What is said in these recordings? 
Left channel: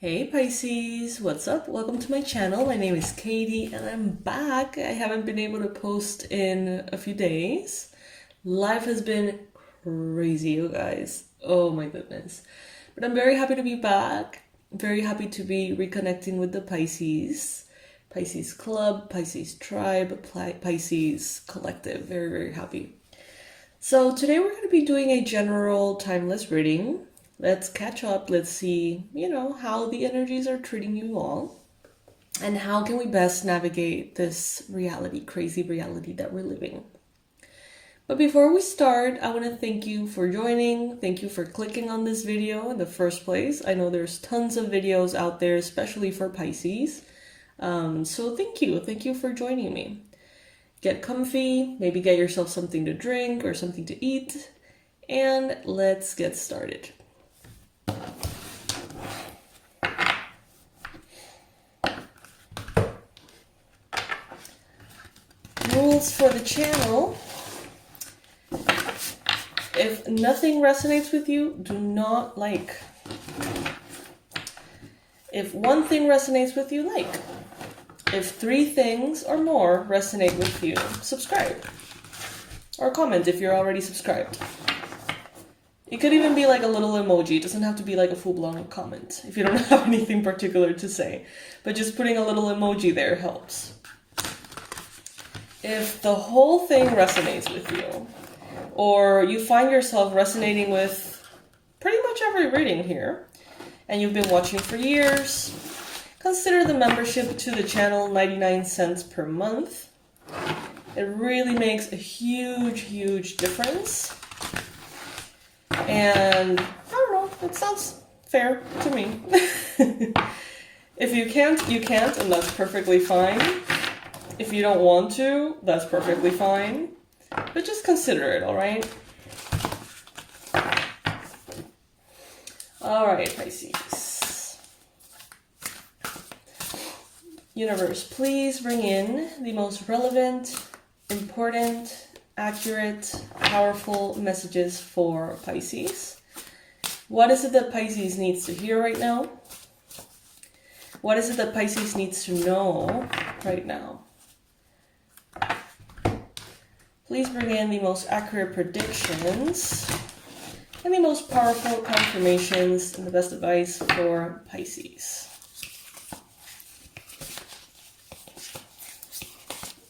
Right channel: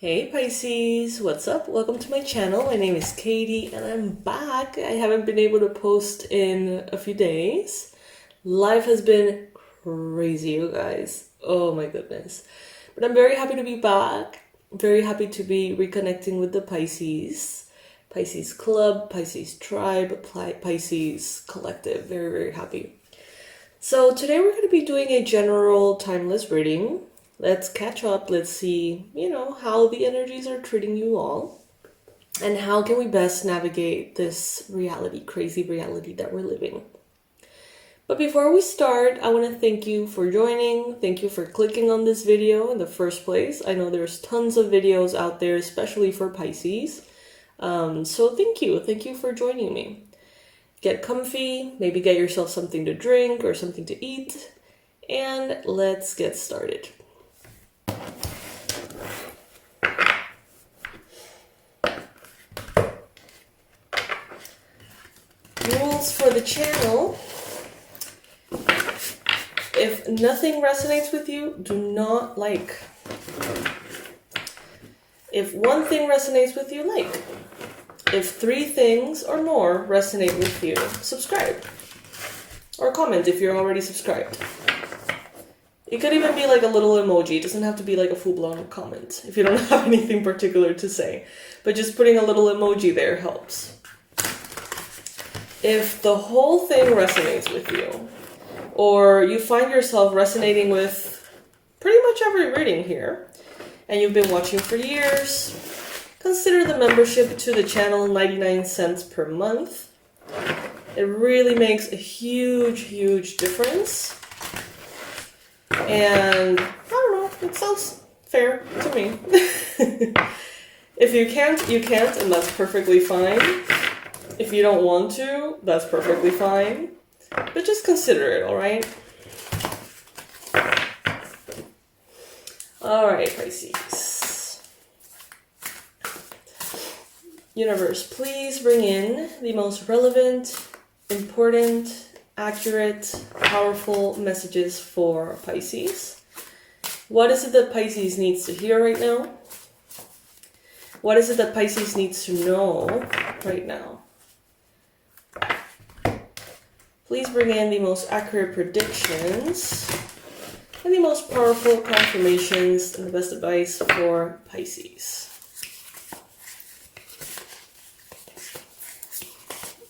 Hey Pisces, what's up? Welcome to my channel. My name is Katie and I'm back. I haven't been able to post in a few days. Life has been crazy, you guys. Oh my goodness. But I'm very happy to be back. Very happy to be reconnecting with the Pisces. Pisces Club, Pisces Tribe, Pisces Collective. Very, very happy. So today we're going to be doing a general timeless reading. Let's catch up. Let's see, how the energies are treating you all. And how can we best navigate this reality, crazy reality that we're living. But before we start, I want to thank you for joining. Thank you for clicking on this video in the first place. I know there's tons of videos out there, especially for Pisces. So thank you. Thank you for joining me. Get comfy, maybe get yourself something to drink or something to eat. And let's get started. Rules for the channel. If nothing resonates with you, do not like. If one thing resonates with you, like. If 3 things or more resonate with you, subscribe. Or comment if you're already subscribed. It could even be like a little emoji. It doesn't have to be like a full-blown comment if you don't have anything particular to say. But just putting a little emoji there helps. If the whole thing resonates with you, or you find yourself resonating with pretty much every reading here, and you've been watching for years, consider the membership to the channel 99 cents per month. It really makes a huge, huge difference. And I don't know, it sounds fair to me. If you can't, you can't, and that's perfectly fine. If you don't want to, that's perfectly fine. But just consider it, alright? Alright, Pisces. Universe, please bring in the most relevant, important, accurate, powerful messages for Pisces. What is it that Pisces needs to hear right now? What is it that Pisces needs to know right now? Please bring in the most accurate predictions and the most powerful confirmations and the best advice for Pisces.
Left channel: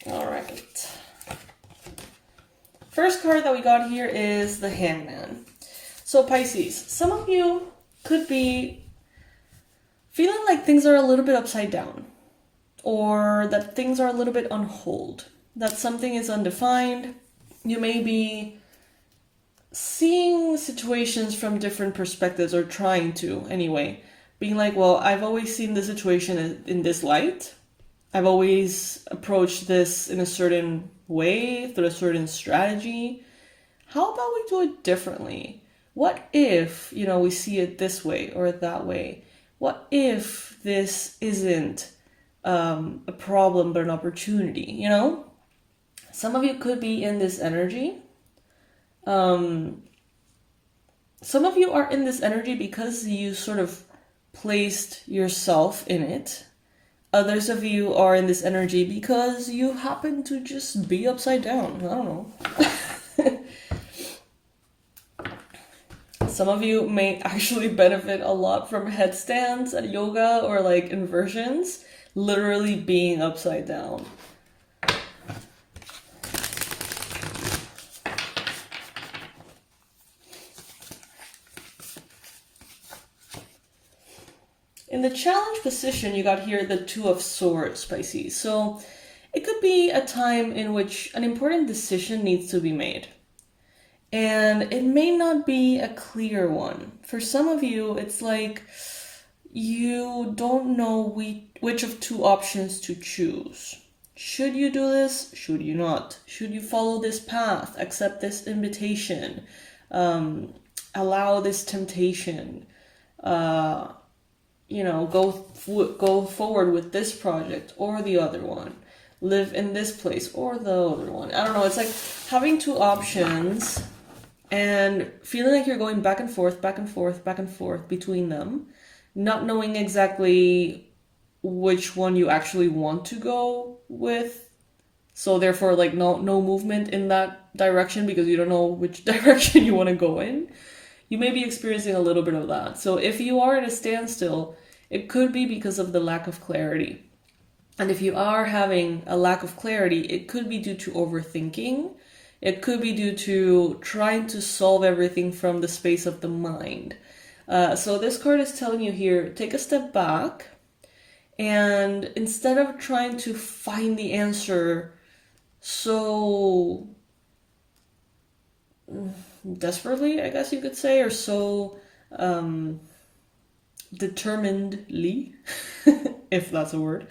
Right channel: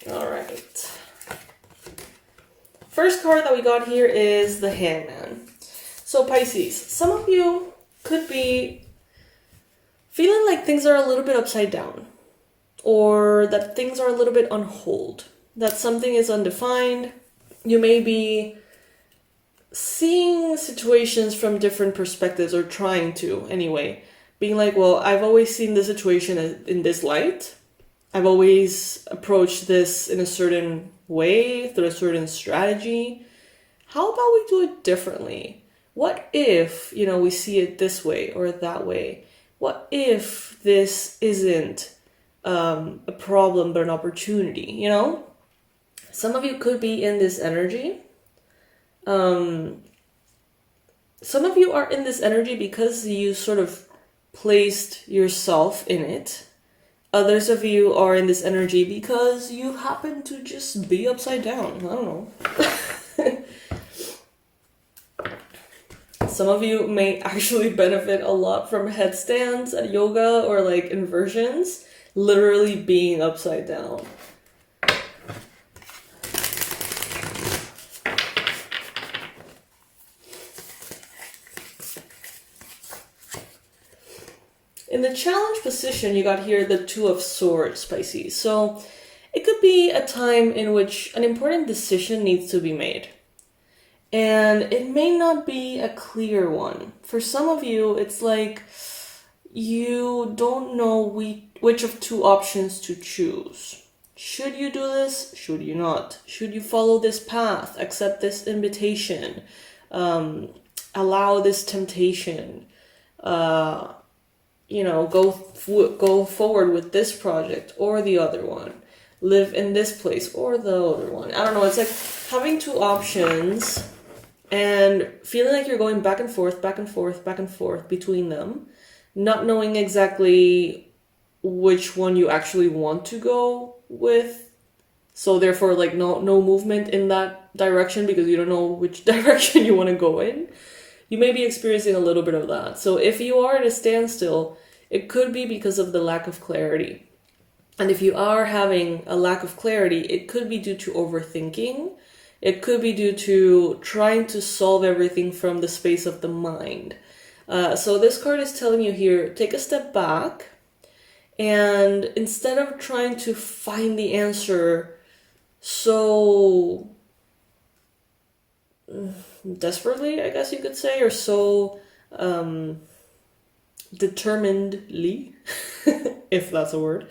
All right. First card that we got here is the Hangman. So Pisces, some of you could be feeling like things are a little bit upside down, or that things are a little bit on hold, that something is undefined. You may be seeing situations from different perspectives, or trying to anyway, being like, well, I've always seen the situation in this light. I've always approached this in a certain way, through a certain strategy. How about we do it differently? What if, we see it this way or that way? What if this isn't a problem but an opportunity, Some of you could be in this energy. Some of you are in this energy because you sort of placed yourself in it. Others of you are in this energy because you happen to just be upside down. I don't know. Some of you may actually benefit a lot from headstands at yoga or like inversions, literally being upside down. In the challenge position, you got here the 2 of Swords, Pisces. So it could be a time in which an important decision needs to be made. And it may not be a clear one. For some of you, it's like you don't know which of 2 options to choose. Should you do this? Should you not? Should you follow this path? Accept this invitation? Allow this temptation? Go forward with this project or the other one. Live in this place or the other one. I don't know. It's like having 2 options and feeling like you're going back and forth between them. not knowing exactly which one you actually want to go with. So therefore, like no movement in that direction because you don't know which direction you want to go in. You may be experiencing a little bit of that. So if you are at a standstill, it could be because of the lack of clarity. And if you are having a lack of clarity, it could be due to overthinking. It could be due to trying to solve everything from the space of the mind. So this card is telling you here, take a step back, and instead of trying to find the answer so desperately, I guess you could say, or so determinedly, if that's a word,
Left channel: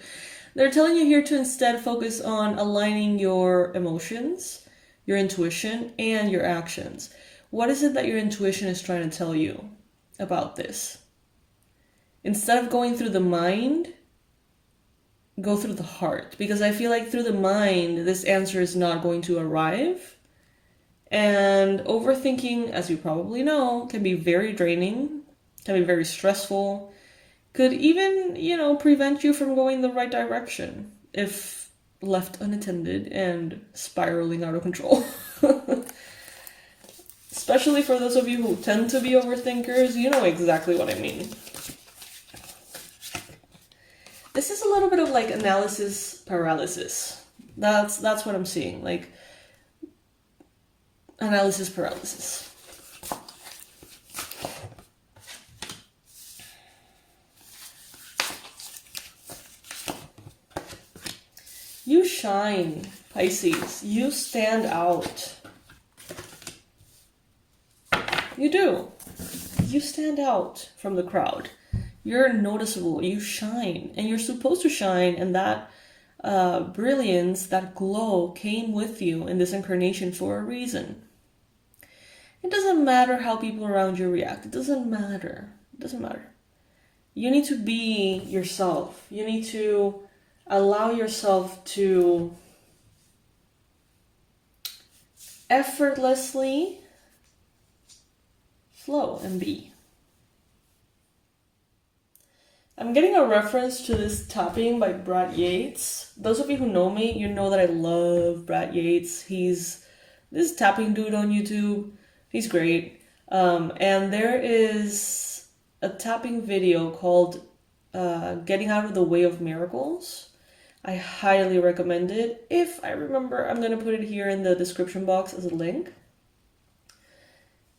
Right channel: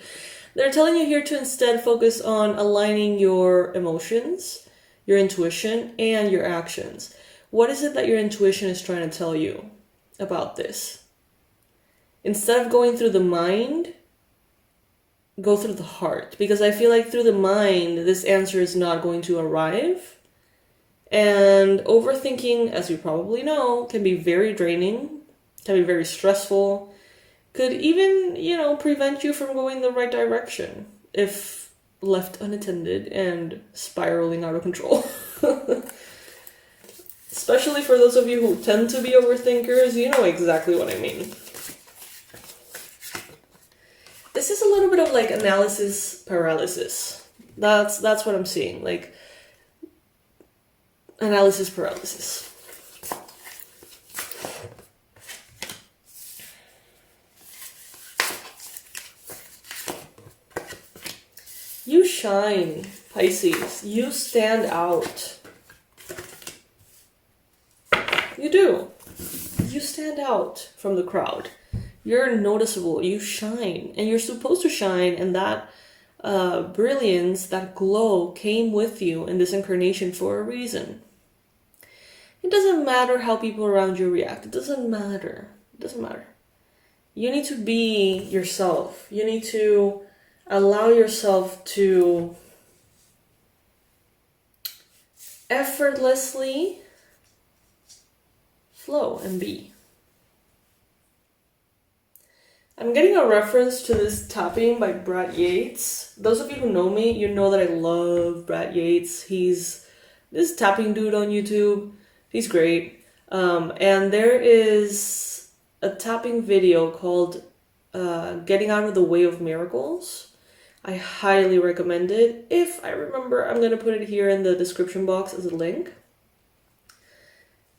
they're telling you here to instead focus on aligning your emotions, your intuition, and your actions. What is it that your intuition is trying to tell you about this? Instead of going through the mind, go through the heart. Because I feel like through the mind, this answer is not going to arrive. And overthinking, as you probably know, can be very draining, can be very stressful, could even, prevent you from going the right direction if left unattended and spiraling out of control. Especially for those of you who tend to be overthinkers, you know exactly what I mean. This is a little bit of like analysis paralysis. That's what I'm seeing, like analysis paralysis. You shine, Pisces. You stand out. You do. You stand out from the crowd. You're noticeable. You shine. And you're supposed to shine. And that brilliance, that glow came with you in this incarnation for a reason. It doesn't matter how people around you react. It doesn't matter. It doesn't matter. You need to be yourself. You need to allow yourself to effortlessly flow and be. I'm getting a reference to this tapping by Brad Yates. Those of you who know me, you know that I love Brad Yates. He's this tapping dude on YouTube. He's great. And there is a tapping video called Getting Out of the Way of Miracles. I highly recommend it. If I remember, I'm going to put it here in the description box as a link.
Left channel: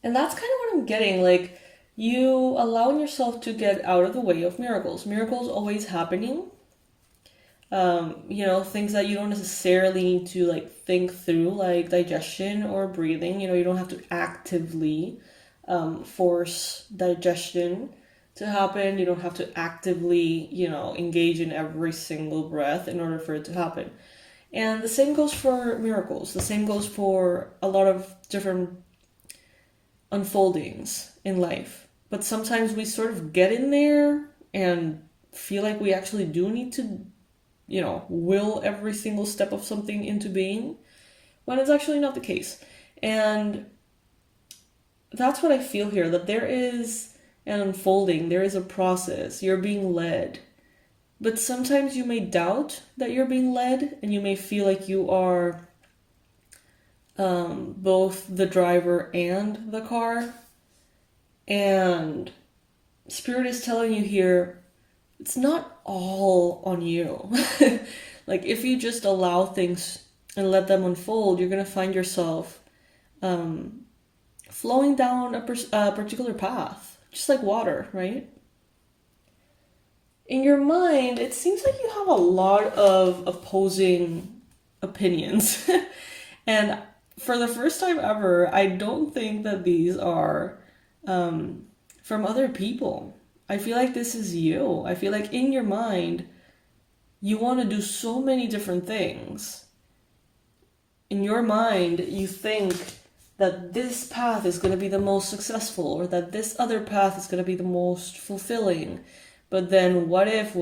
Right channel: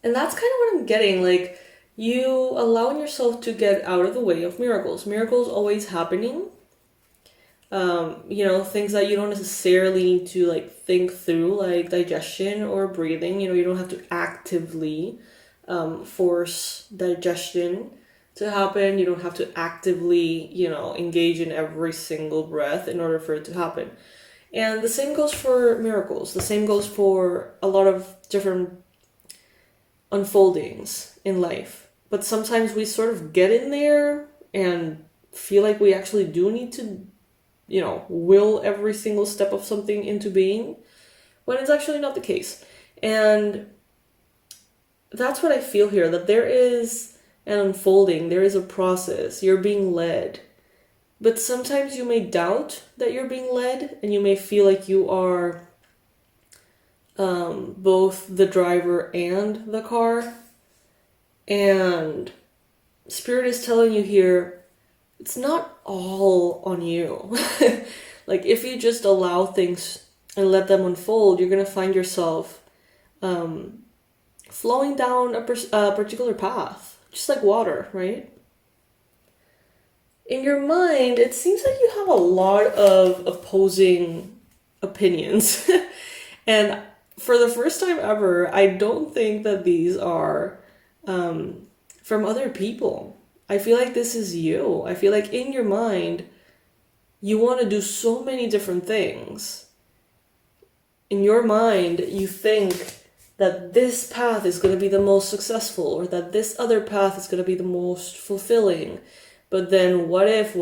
And that's kind of what I'm getting. Like, you allowing yourself to get out of the way of miracles. Miracles always happening. Things that you don't necessarily need to like think through, like digestion or breathing. You don't have to actively force digestion to happen. You don't have to actively, engage in every single breath in order for it to happen. And the same goes for miracles. The same goes for a lot of different unfoldings in life. But sometimes we sort of get in there and feel like we actually do need to, will every single step of something into being, when it's actually not the case. And that's what I feel here, that there is an unfolding, there is a process, you're being led. But sometimes you may doubt that you're being led, and you may feel like you are both the driver and the car. And Spirit is telling you here, it's not all on you. Like, if you just allow things and let them unfold, you're going to find yourself flowing down a particular path, just like water, right? In your mind, it seems like you have a lot of opposing opinions. And for the first time ever, I don't think that these are from other people. I feel like this is you. I feel like in your mind, you want to do so many different things. In your mind, you think that this path is going to be the most successful, or that this other path is going to be the most fulfilling. But then what if, I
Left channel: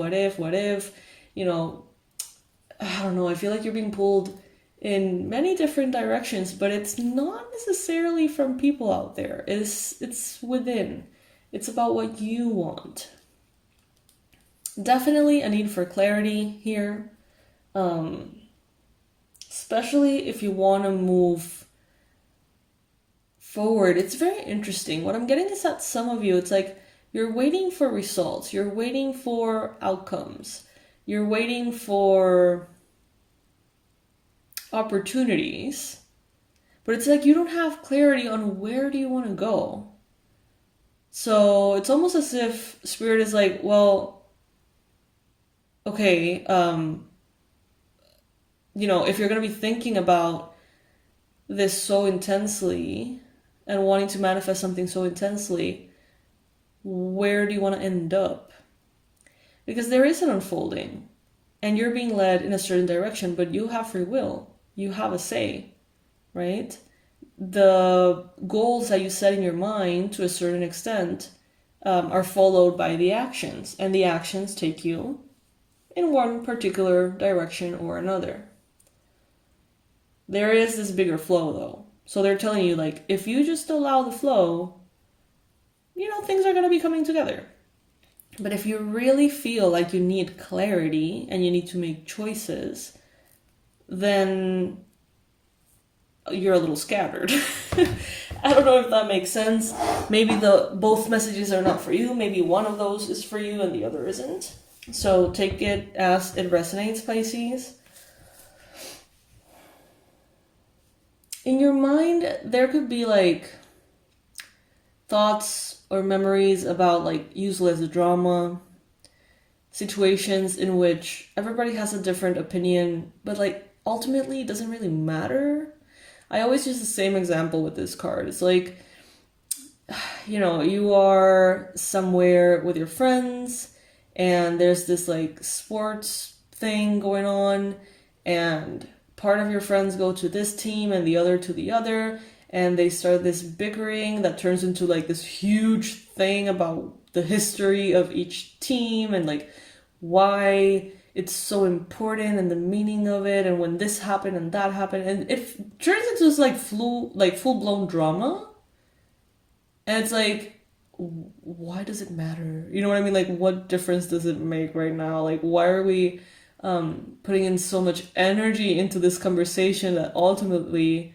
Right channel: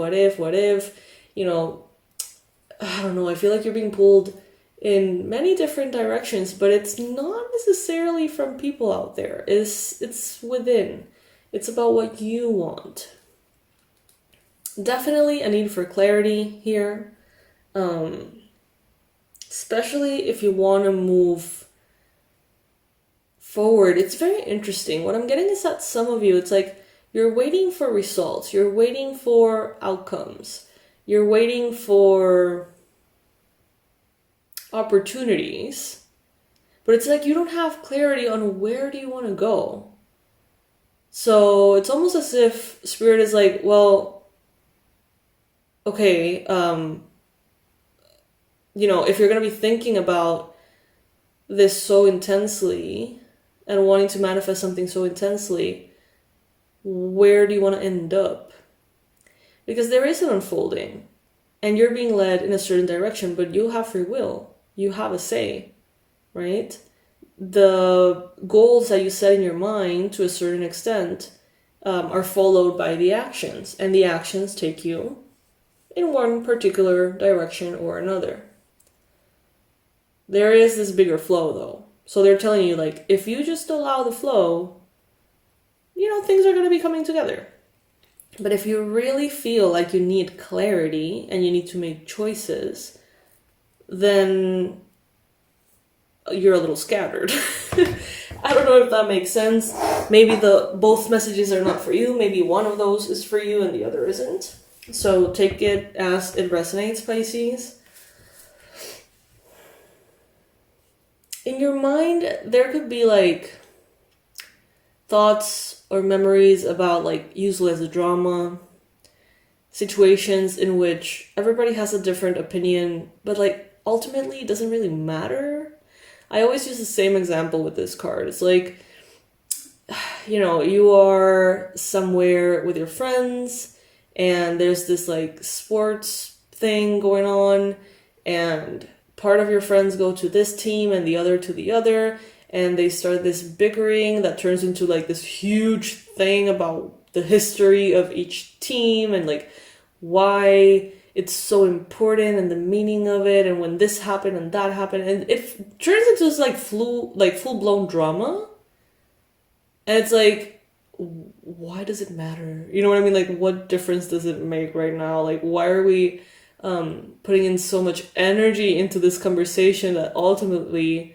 don't know, I feel like you're being pulled in many different directions, but it's not necessarily from people out there. It's within. It's about what you want. Definitely a need for clarity here. Especially if you want to move forward. It's very interesting. What I'm getting is that some of you, it's like you're waiting for results. You're waiting for outcomes. You're waiting for opportunities. But it's like you don't have clarity on where do you want to go. So it's almost as if Spirit is like, well, okay, if you're going to be thinking about this so intensely and wanting to manifest something so intensely, where do you want to end up? Because there is an unfolding and you're being led in a certain direction, but you have free will. You have a say, right? The goals that you set in your mind to a certain extent are followed by the actions, and the actions take you in one particular direction or another. There is this bigger flow though. So they're telling you, like, if you just allow the flow, things are going to be coming together. But if you really feel like you need clarity and you need to make choices, then you're a little scattered. I don't know if that makes sense. Maybe both messages are not for you. Maybe one of those is for you and the other isn't. So take it as it resonates, Pisces. In your mind, there could be like thoughts or memories about like useless drama, situations in which everybody has a different opinion, but like ultimately it doesn't really matter. I always use the same example with this card. It's like, you are somewhere with your friends and there's this like sports thing going on, and part of your friends go to this team and the other to the other, and they start this bickering that turns into like this huge thing about the history of each team and like why it's so important and the meaning of it, and when this happened and that happened, and it turns into this like full-blown drama. And it's like, why does it matter? You know what I mean? Like, what difference does it make right now? Like, why are we putting in so much energy into this conversation that ultimately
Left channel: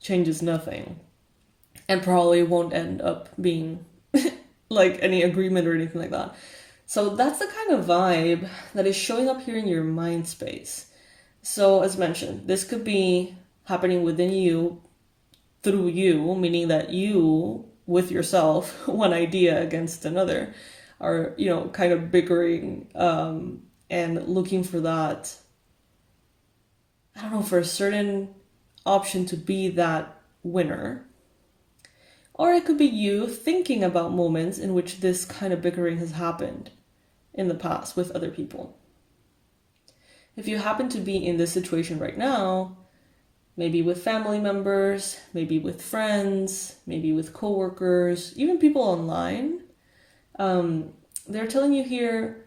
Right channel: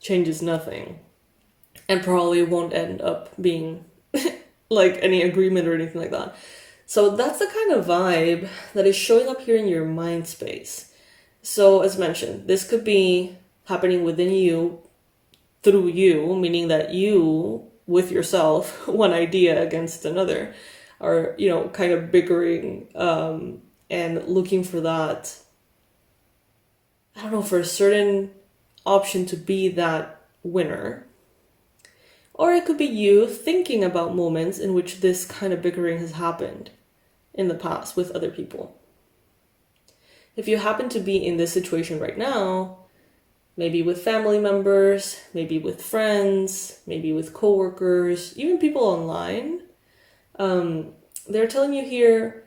changes nothing and probably won't end up being like any agreement or anything like that? So that's the kind of vibe that is showing up here in your mind space. So as mentioned, this could be happening within you, through you, meaning that you, with yourself, one idea against another, are, kind of bickering and looking for that, I don't know, for a certain option to be that winner. Or it could be you thinking about moments in which this kind of bickering has happened in the past with other people. If you happen to be in this situation right now, maybe with family members, maybe with friends, maybe with coworkers, even people online, they're telling you here,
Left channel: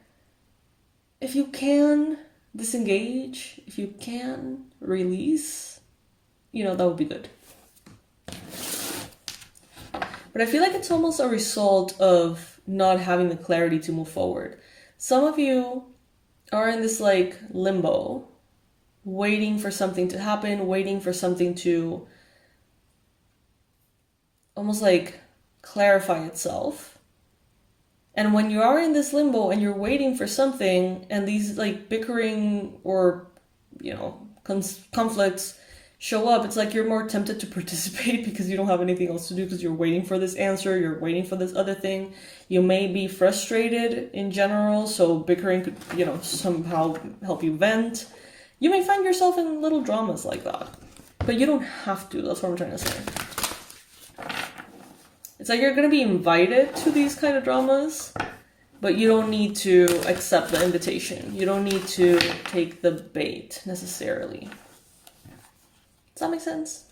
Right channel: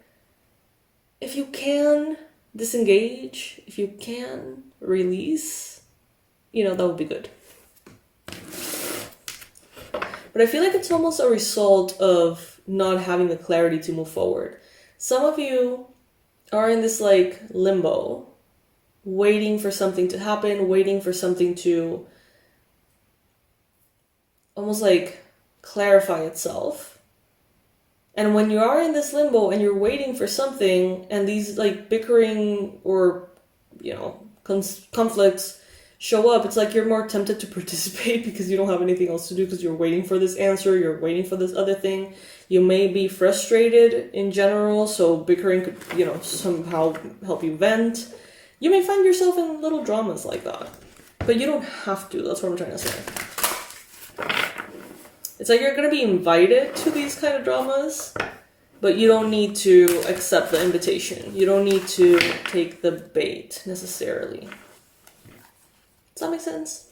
if you can disengage, if you can release, that would be good. But I feel like it's almost a result of not having the clarity to move forward. Some of you are in this like limbo, waiting for something to happen, waiting for something to almost like clarify itself. And when you are in this limbo and you're waiting for something, and these like bickering or, conflicts show up, it's like you're more tempted to participate because you don't have anything else to do, because you're waiting for this answer, you're waiting for this other thing. You may be frustrated in general, so bickering could, somehow help you vent. You may find yourself in little dramas like that, but you don't have to. That's what I'm trying to say. It's like you're going to be invited to these kind of dramas, but you don't need to accept the invitation. You don't need to take the bait necessarily. Does that make sense?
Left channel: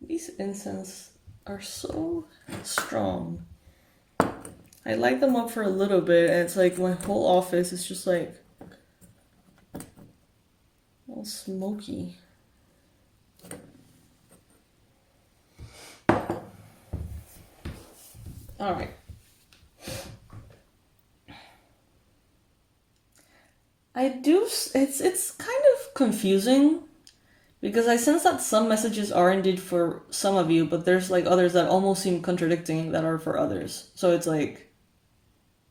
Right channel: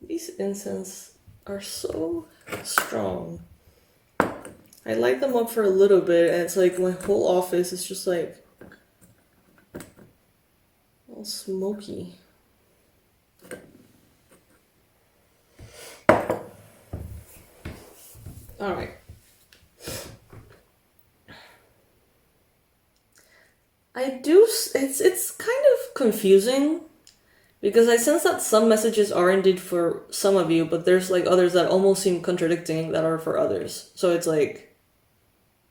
These incense are so strong. I light them up for a little bit, and it's like my whole office is just like all smoky. confusing because I sense that some messages are indeed for some of you, but there's like others that almost seem contradicting that are for others. So it's like,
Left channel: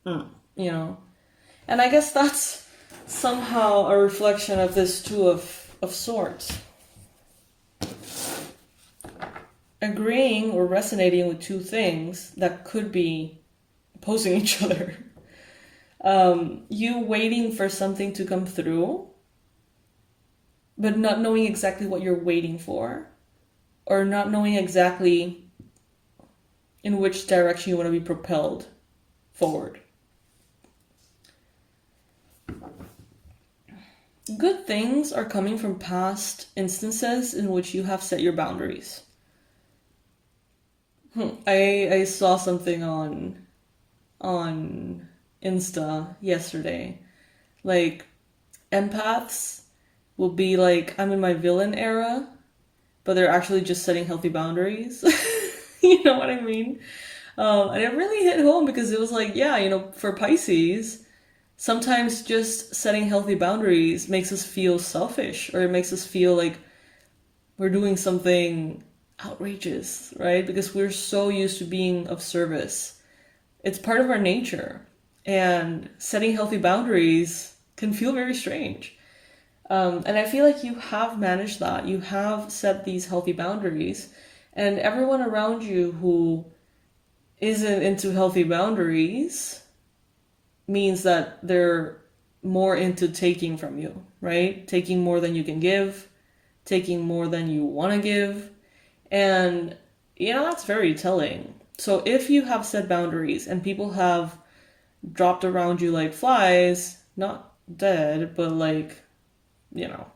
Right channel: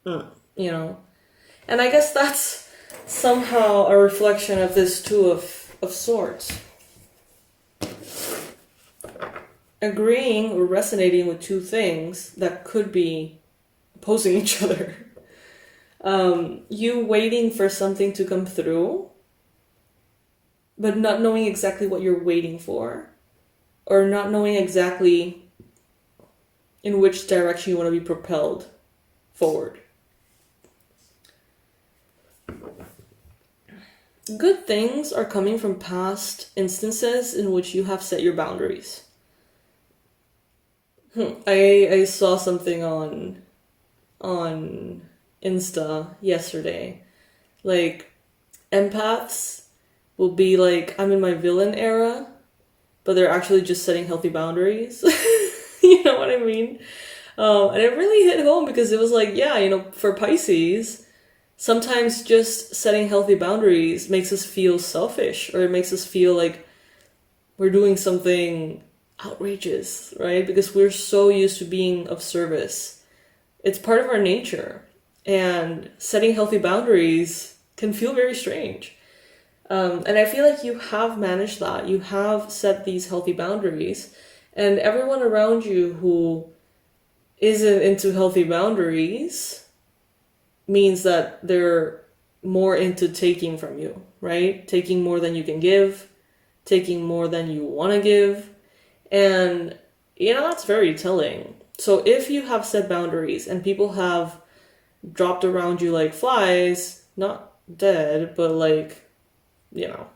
you know. And I guess that's somehow a reflection of this Two of Swords. Agreeing or resonating with two things that could be opposing each other. You waiting for something to come through, but not knowing exactly what you're waiting for, or not knowing exactly in which direction you want to be propelled forward. Good things are coming from past instances in which you have set your boundaries. I saw something on Insta yesterday. Like, empaths will be like, I'm in my villain era, but they're actually just setting healthy boundaries. You know what I mean? And it really hit home because it was like, yeah, you know, for Pisces, sometimes just setting healthy boundaries makes us feel selfish, or it makes us feel like we're doing something outrageous, right? Because we're so used to being of service. It's part of our nature. And setting healthy boundaries can feel very strange. And I feel like you have managed that. You have set these healthy boundaries. And everyone around you who isn't into healthy boundaries means that they're more into taking from you, right? Taking more than you can give, taking more than you want to give. And, you know, that's very telling. So if you have set boundaries and people have dropped around you like flies, not dead, but like, you know,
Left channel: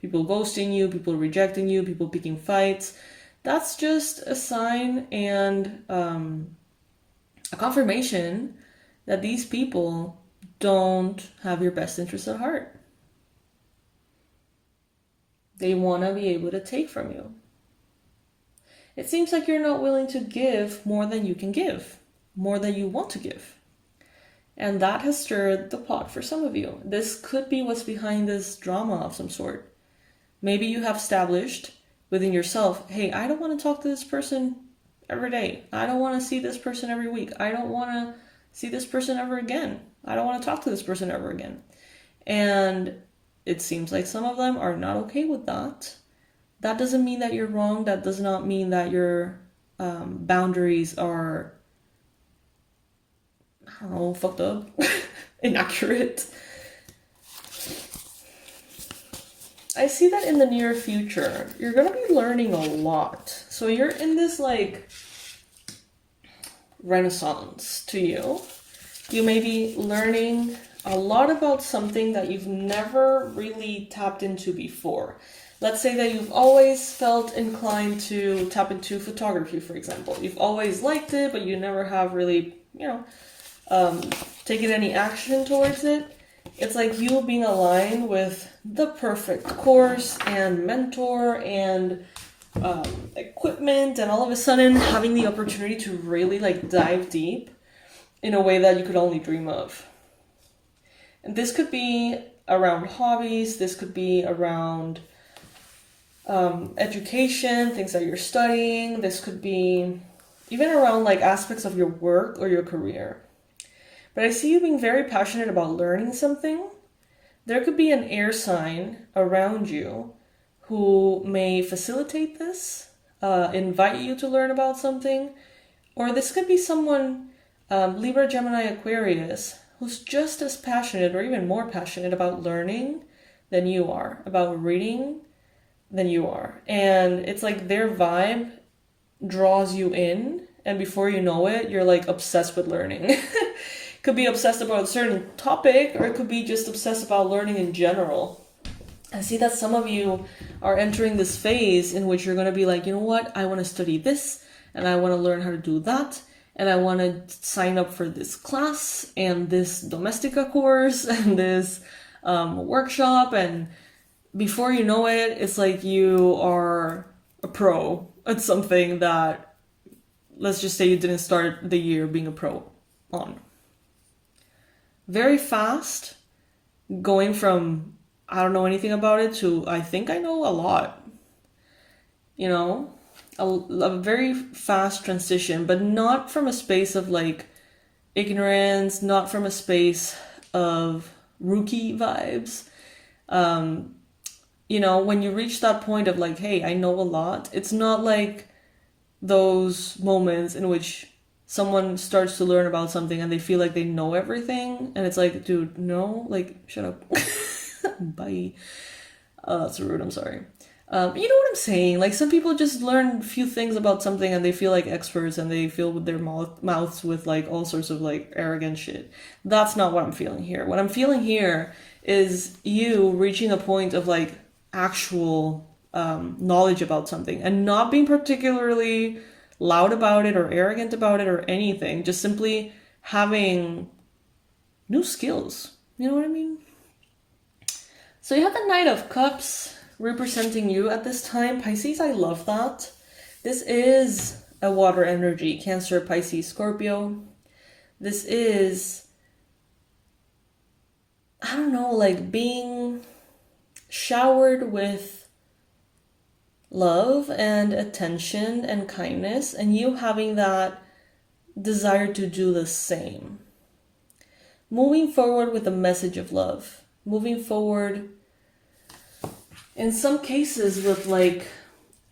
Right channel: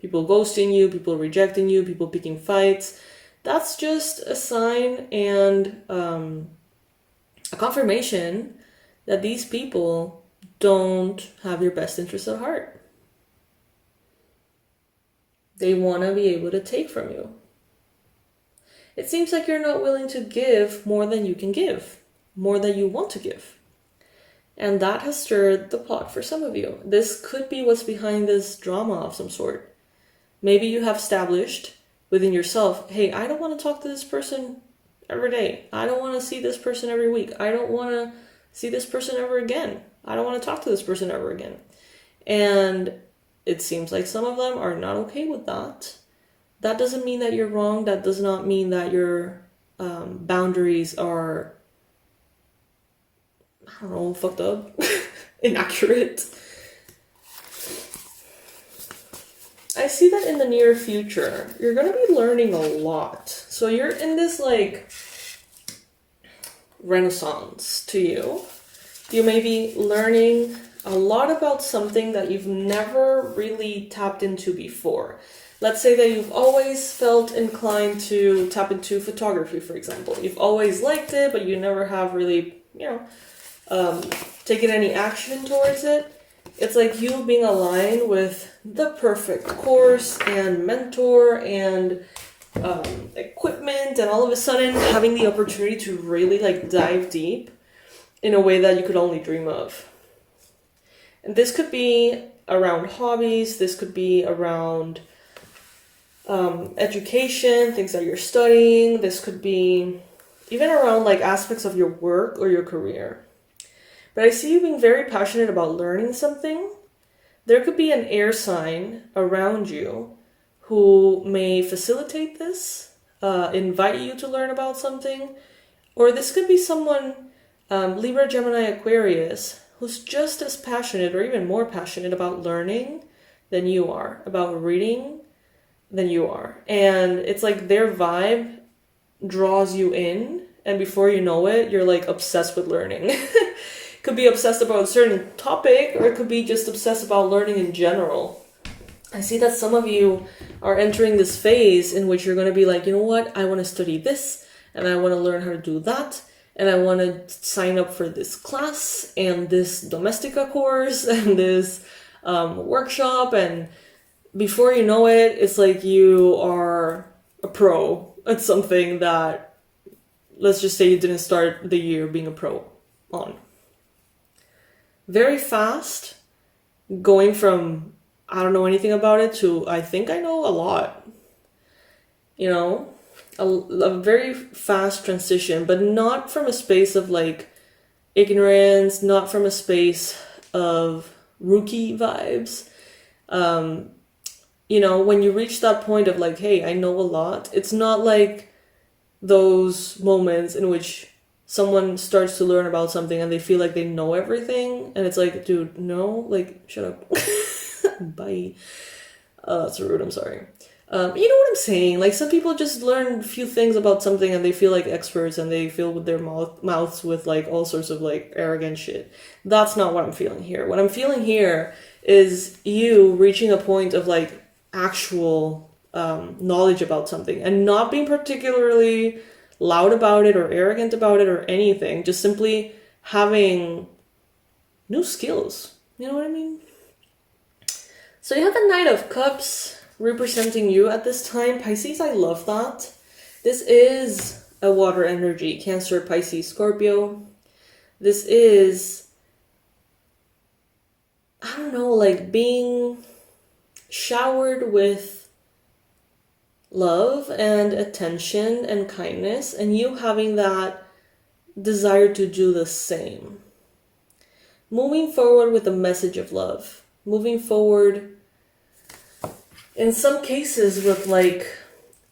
people ghosting you, people rejecting you, people picking fights, that's just a sign and a confirmation that these people don't have your best interest at heart. They want to be able to take from you. It seems like you're not willing to give more than you can give, more than you want to give. And that has stirred the pot for some of you. This could be what's behind this drama of some sort. Maybe you have established within yourself, hey, I don't want to talk to this person every day. I don't want to see this person every week. I don't want to see this person ever again. I don't want to talk to this person ever again. And it seems like some of them are not okay with that. That doesn't mean that you're wrong. That does not mean that your boundaries are, I don't know, fucked up, inaccurate. I see that in the near future, you're going to be learning a lot. So you're in this like renaissance to you. You may be learning a lot about something that you've never really tapped into before. Let's say that you've always felt inclined to tap into photography, for example. You've always liked it, but you never have really, taken any action towards it. It's like you being aligned with the perfect course and mentor and equipment, and all of a sudden having the opportunity to really like dive deep in a way that you could only dream of. And this could be around hobbies, this could be around education, things that you're studying, this could be even around like aspects of your work or your career. But I see you being very passionate about learning something. There could be an air sign around you who may facilitate this, invite you to learn about something, or this could be someone, Libra, Gemini, Aquarius, who's just as passionate or even more passionate about learning than you are, about reading than you are. And it's like their vibe draws you in, and before you know it, you're like obsessed with learning. Could be obsessed about a certain topic, or it could be just obsessed about learning in general. I see that some of you are entering this phase in which you're going to be like, you know what, I want to study this, and I want to learn how to do that, and I want to sign up for this class, and this Domestica course, and this workshop, and before you know it, it's like you are a pro at something that, let's just say you didn't start the year being a pro on. Very fast, going from I don't know anything about it to I think I know a lot. You know, a very fast transition, but not from a space of like ignorance, not from a space of rookie vibes. You know, when you reach that point of like, hey, I know a lot, it's not like those moments in which someone starts to learn about something and they feel like they know everything. And it's like, dude, no, like, shut up. Bye. Oh, that's rude. I'm sorry. You know what I'm saying? Like, some people just learn a few things about something and they feel like experts and they fill with their mouths with like all sorts of like arrogant shit. That's not what I'm feeling here. What I'm feeling here is you reaching a point of like actual knowledge about something and not being particularly loud about it or arrogant about it or anything. Just simply having new skills. You know what I mean? So you have the Knight of Cups representing you at this time. Pisces, I love that. This is a water energy. Cancer, Pisces, Scorpio. This is, I don't know, like being showered with love and attention and kindness, and you having that desire to do the same. Moving forward with a message of love. Moving forward, in some cases, with like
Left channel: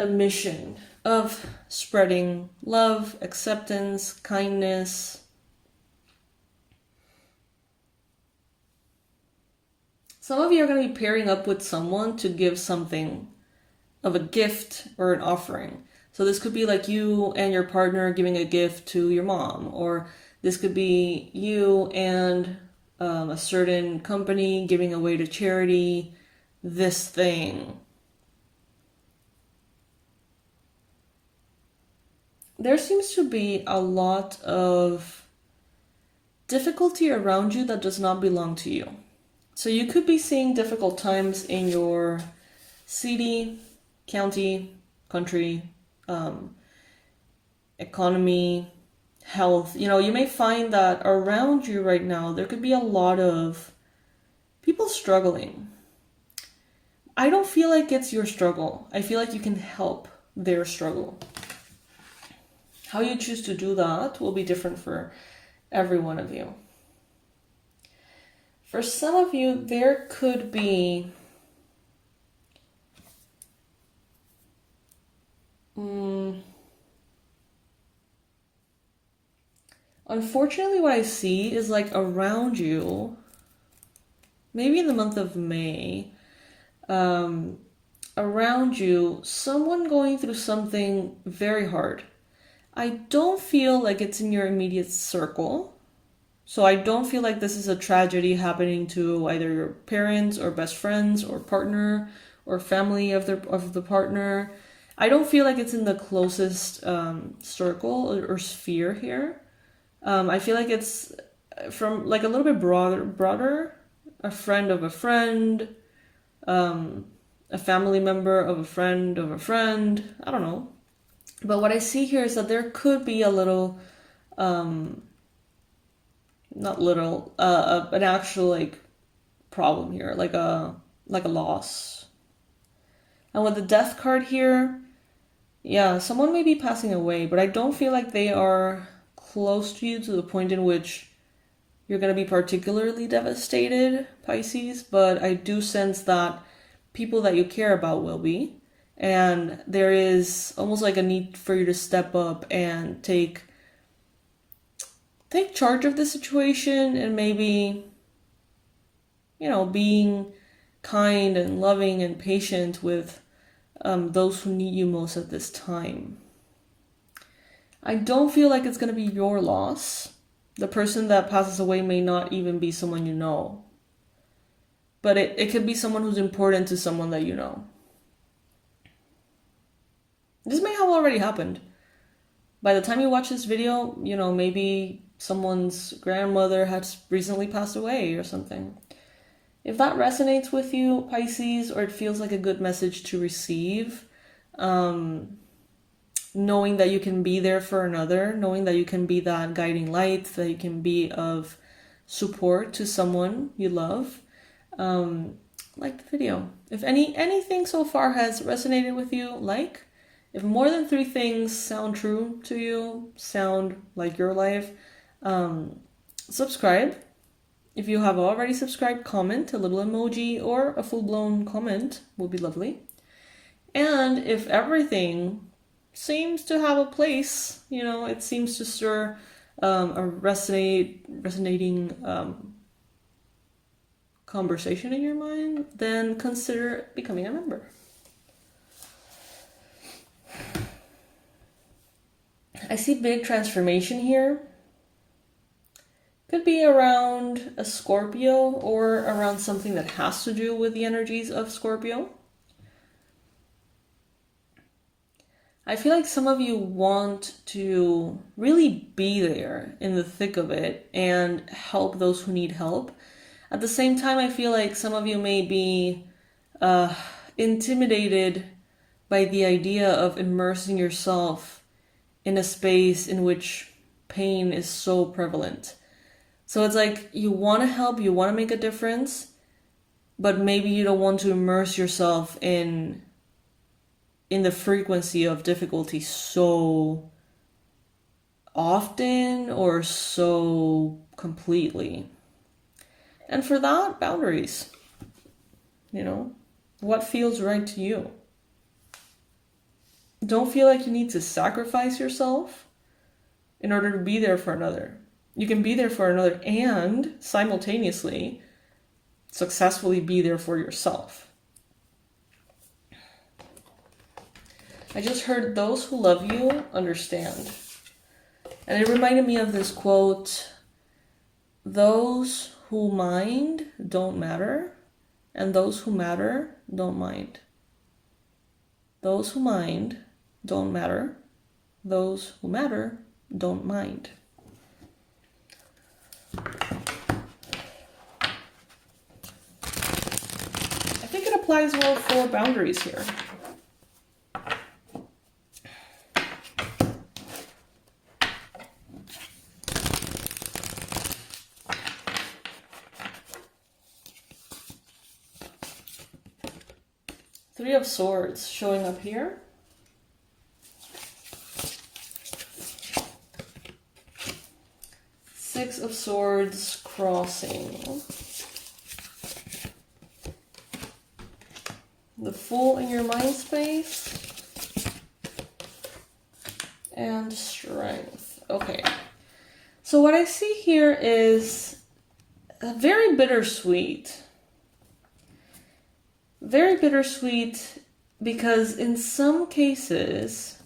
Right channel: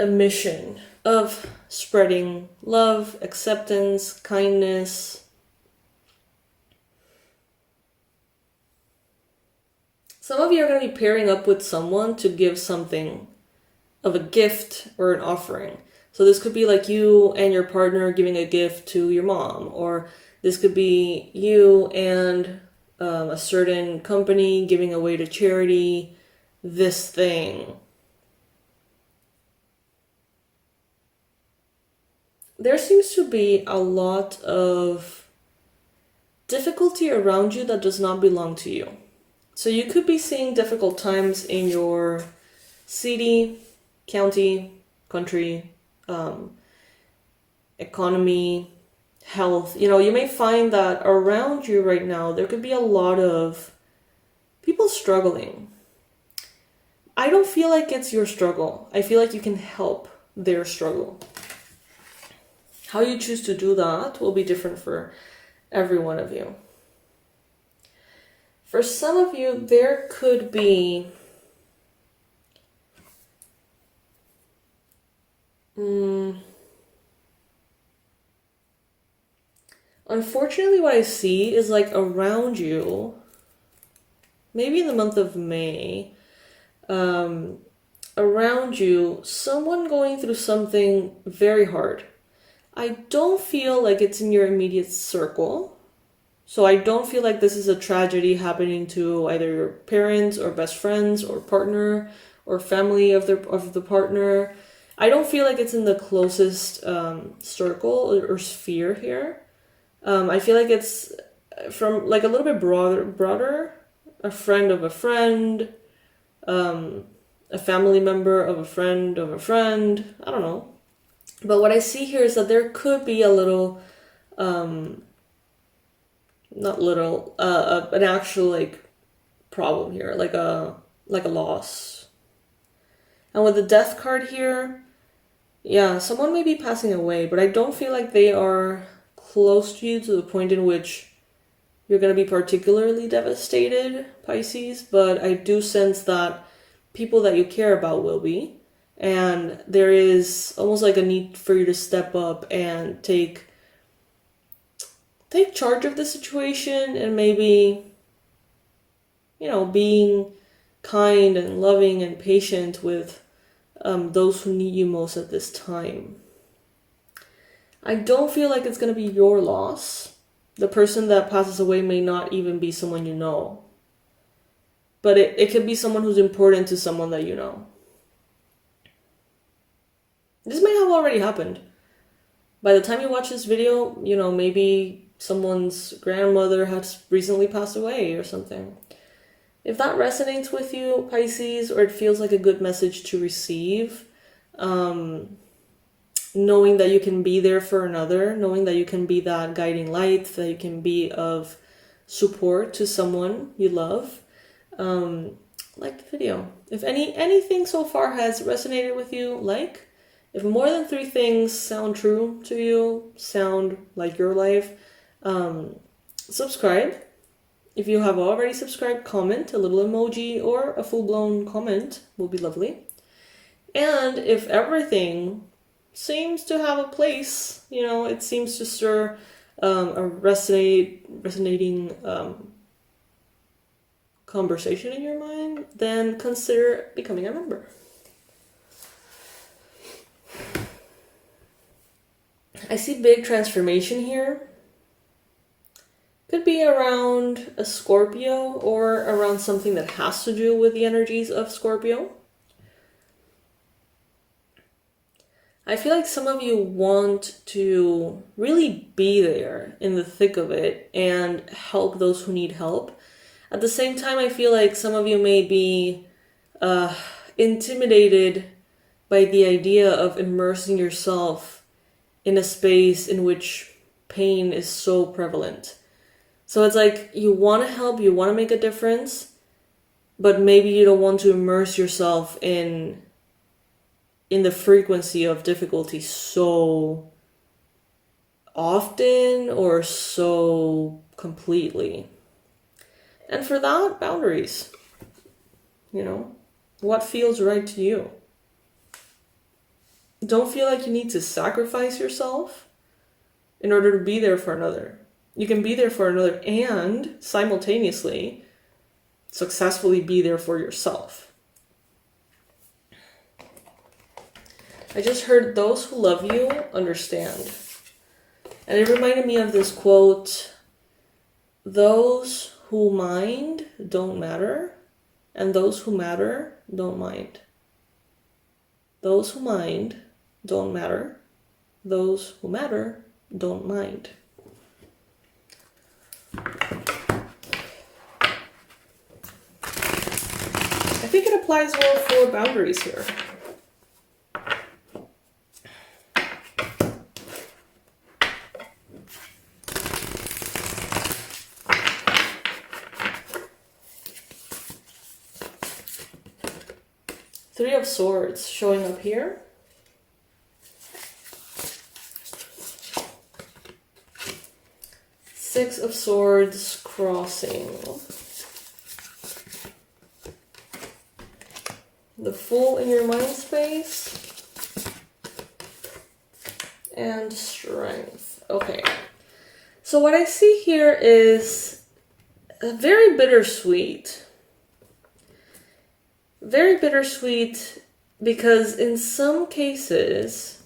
a mission of spreading love, acceptance, kindness. Some of you are going to be pairing up with someone to give something of a gift or an offering. So this could be like you and your partner giving a gift to your mom, or this could be you and a certain company giving away to charity this thing. There seems to be a lot of difficulty around you that does not belong to you. So you could be seeing difficult times in your city, county, country, economy, health. You know, you may find that around you right now, there could be a lot of people struggling. I don't feel like it's your struggle. I feel like you can help their struggle. How you choose to do that will be different for every one of you. For some of you, there could be unfortunately, what I see is like around you, maybe in the month of May, around you, someone going through something very hard. I don't feel like it's in your immediate circle. So I don't feel like this is a tragedy happening to either your parents or best friends or partner or family of the partner. I don't feel like it's in the closest circle or sphere here. I feel like it's from like a little bit broader, a friend of a friend, a family member of a friend of a friend. I don't know. But what I see here is that there could be a little, not little, an actual like problem here, like a loss. And with the Death card here, yeah, someone may be passing away, but I don't feel like they are close to you to the point in which you're going to be particularly devastated, Pisces. But I do sense that people that you care about will be. And there is almost like a need for you to step up and take charge of the situation and maybe, you know, being kind and loving and patient with those who need you most at this time. I don't feel like it's going to be your loss. The person that passes away may not even be someone you know. But it could be someone who's important to someone that you know. This may have already happened. By the time you watch this video, you know, maybe someone's grandmother has recently passed away or something. If that resonates with you, Pisces, or it feels like a good message to receive, knowing that you can be there for another, knowing that you can be that guiding light, that you can be of support to someone you love, like the video. If anything so far has resonated with you, like. If more than 3 things sound true to you, sound like your life, subscribe. If you have already subscribed, comment. A little emoji or a full-blown comment will be lovely. And if everything seems to have a place, it seems to stir a resonating conversation in your mind, then consider becoming a member. I see big transformation here. Could be around a Scorpio or around something that has to do with the energies of Scorpio. I feel like some of you want to really be there in the thick of it and help those who need help. At the same time, I feel like some of you may be intimidated by the idea of immersing yourself in a space in which pain is so prevalent. So it's like you want to help, you want to make a difference, but maybe you don't want to immerse yourself in the frequency of difficulty so often or so completely. And for that, boundaries. What feels right to you? Don't feel like you need to sacrifice yourself in order to be there for another. You can be there for another and simultaneously successfully be there for yourself. I just heard those who love you understand. And it reminded me of this quote, those who mind don't matter, and those who matter don't mind. Those who mind don't matter. Those who matter don't mind. I think it applies well for boundaries here. Three of Swords showing up here. Six of Swords crossing. The Fool in your mind space. And Strength. Okay. So what I see here is very bittersweet. Very bittersweet because in some cases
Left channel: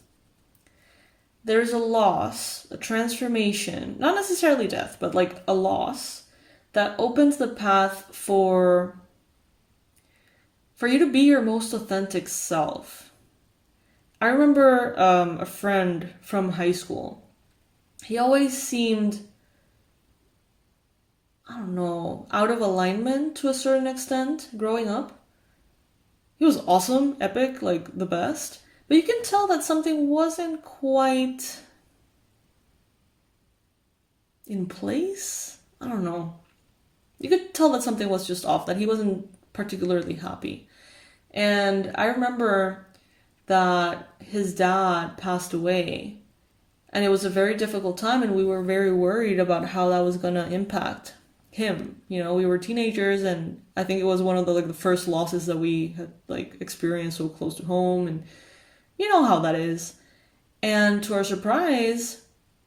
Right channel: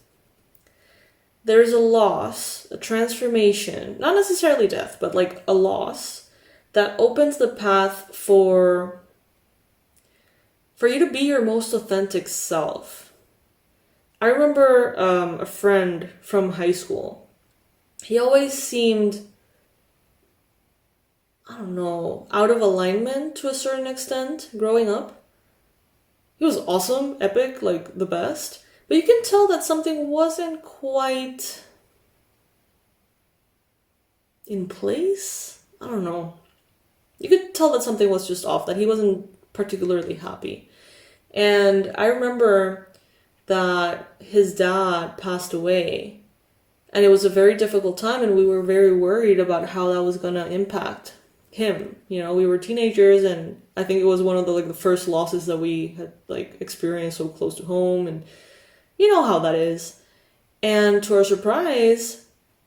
there's a loss, a transformation, not necessarily death, but like a loss that opens the path for you to be your most authentic self. I remember a friend from high school. He always seemed, I don't know, out of alignment to a certain extent growing up. He was awesome, epic, like the best. But you can tell that something wasn't quite in place. I don't know. You could tell that something was just off, that he wasn't particularly happy. And I remember that his dad passed away. And it was a very difficult time, and we were very worried about how that was going to impact him. We were teenagers, and I think it was one of the first losses that we had experienced so close to home, and you know how that is. And to our surprise,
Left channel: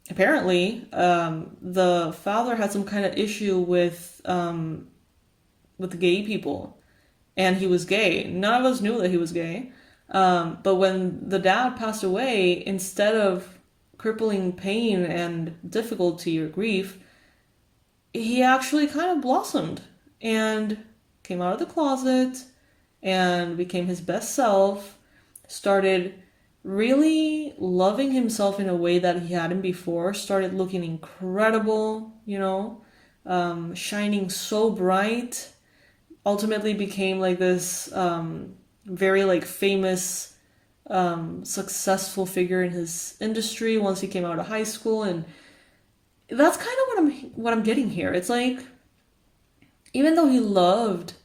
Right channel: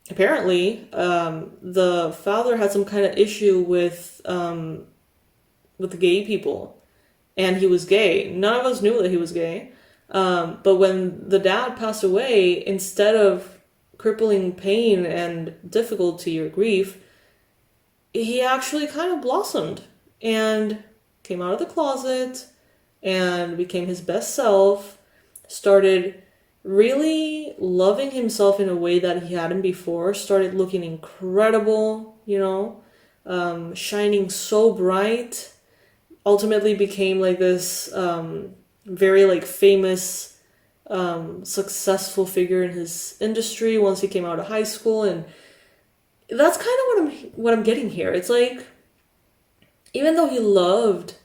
apparently, the father had some kind of issue with gay people, and he was gay. None of us knew that he was gay. But when the dad passed away, instead of crippling pain and difficulty or grief, he actually kind of blossomed and came out of the closet and became his best self, started really loving himself in a way that he hadn't before, started looking incredible, shining so bright, ultimately became this very famous, successful figure in his industry once he came out of high school. And that's kind of what I'm getting here. It's even though he loves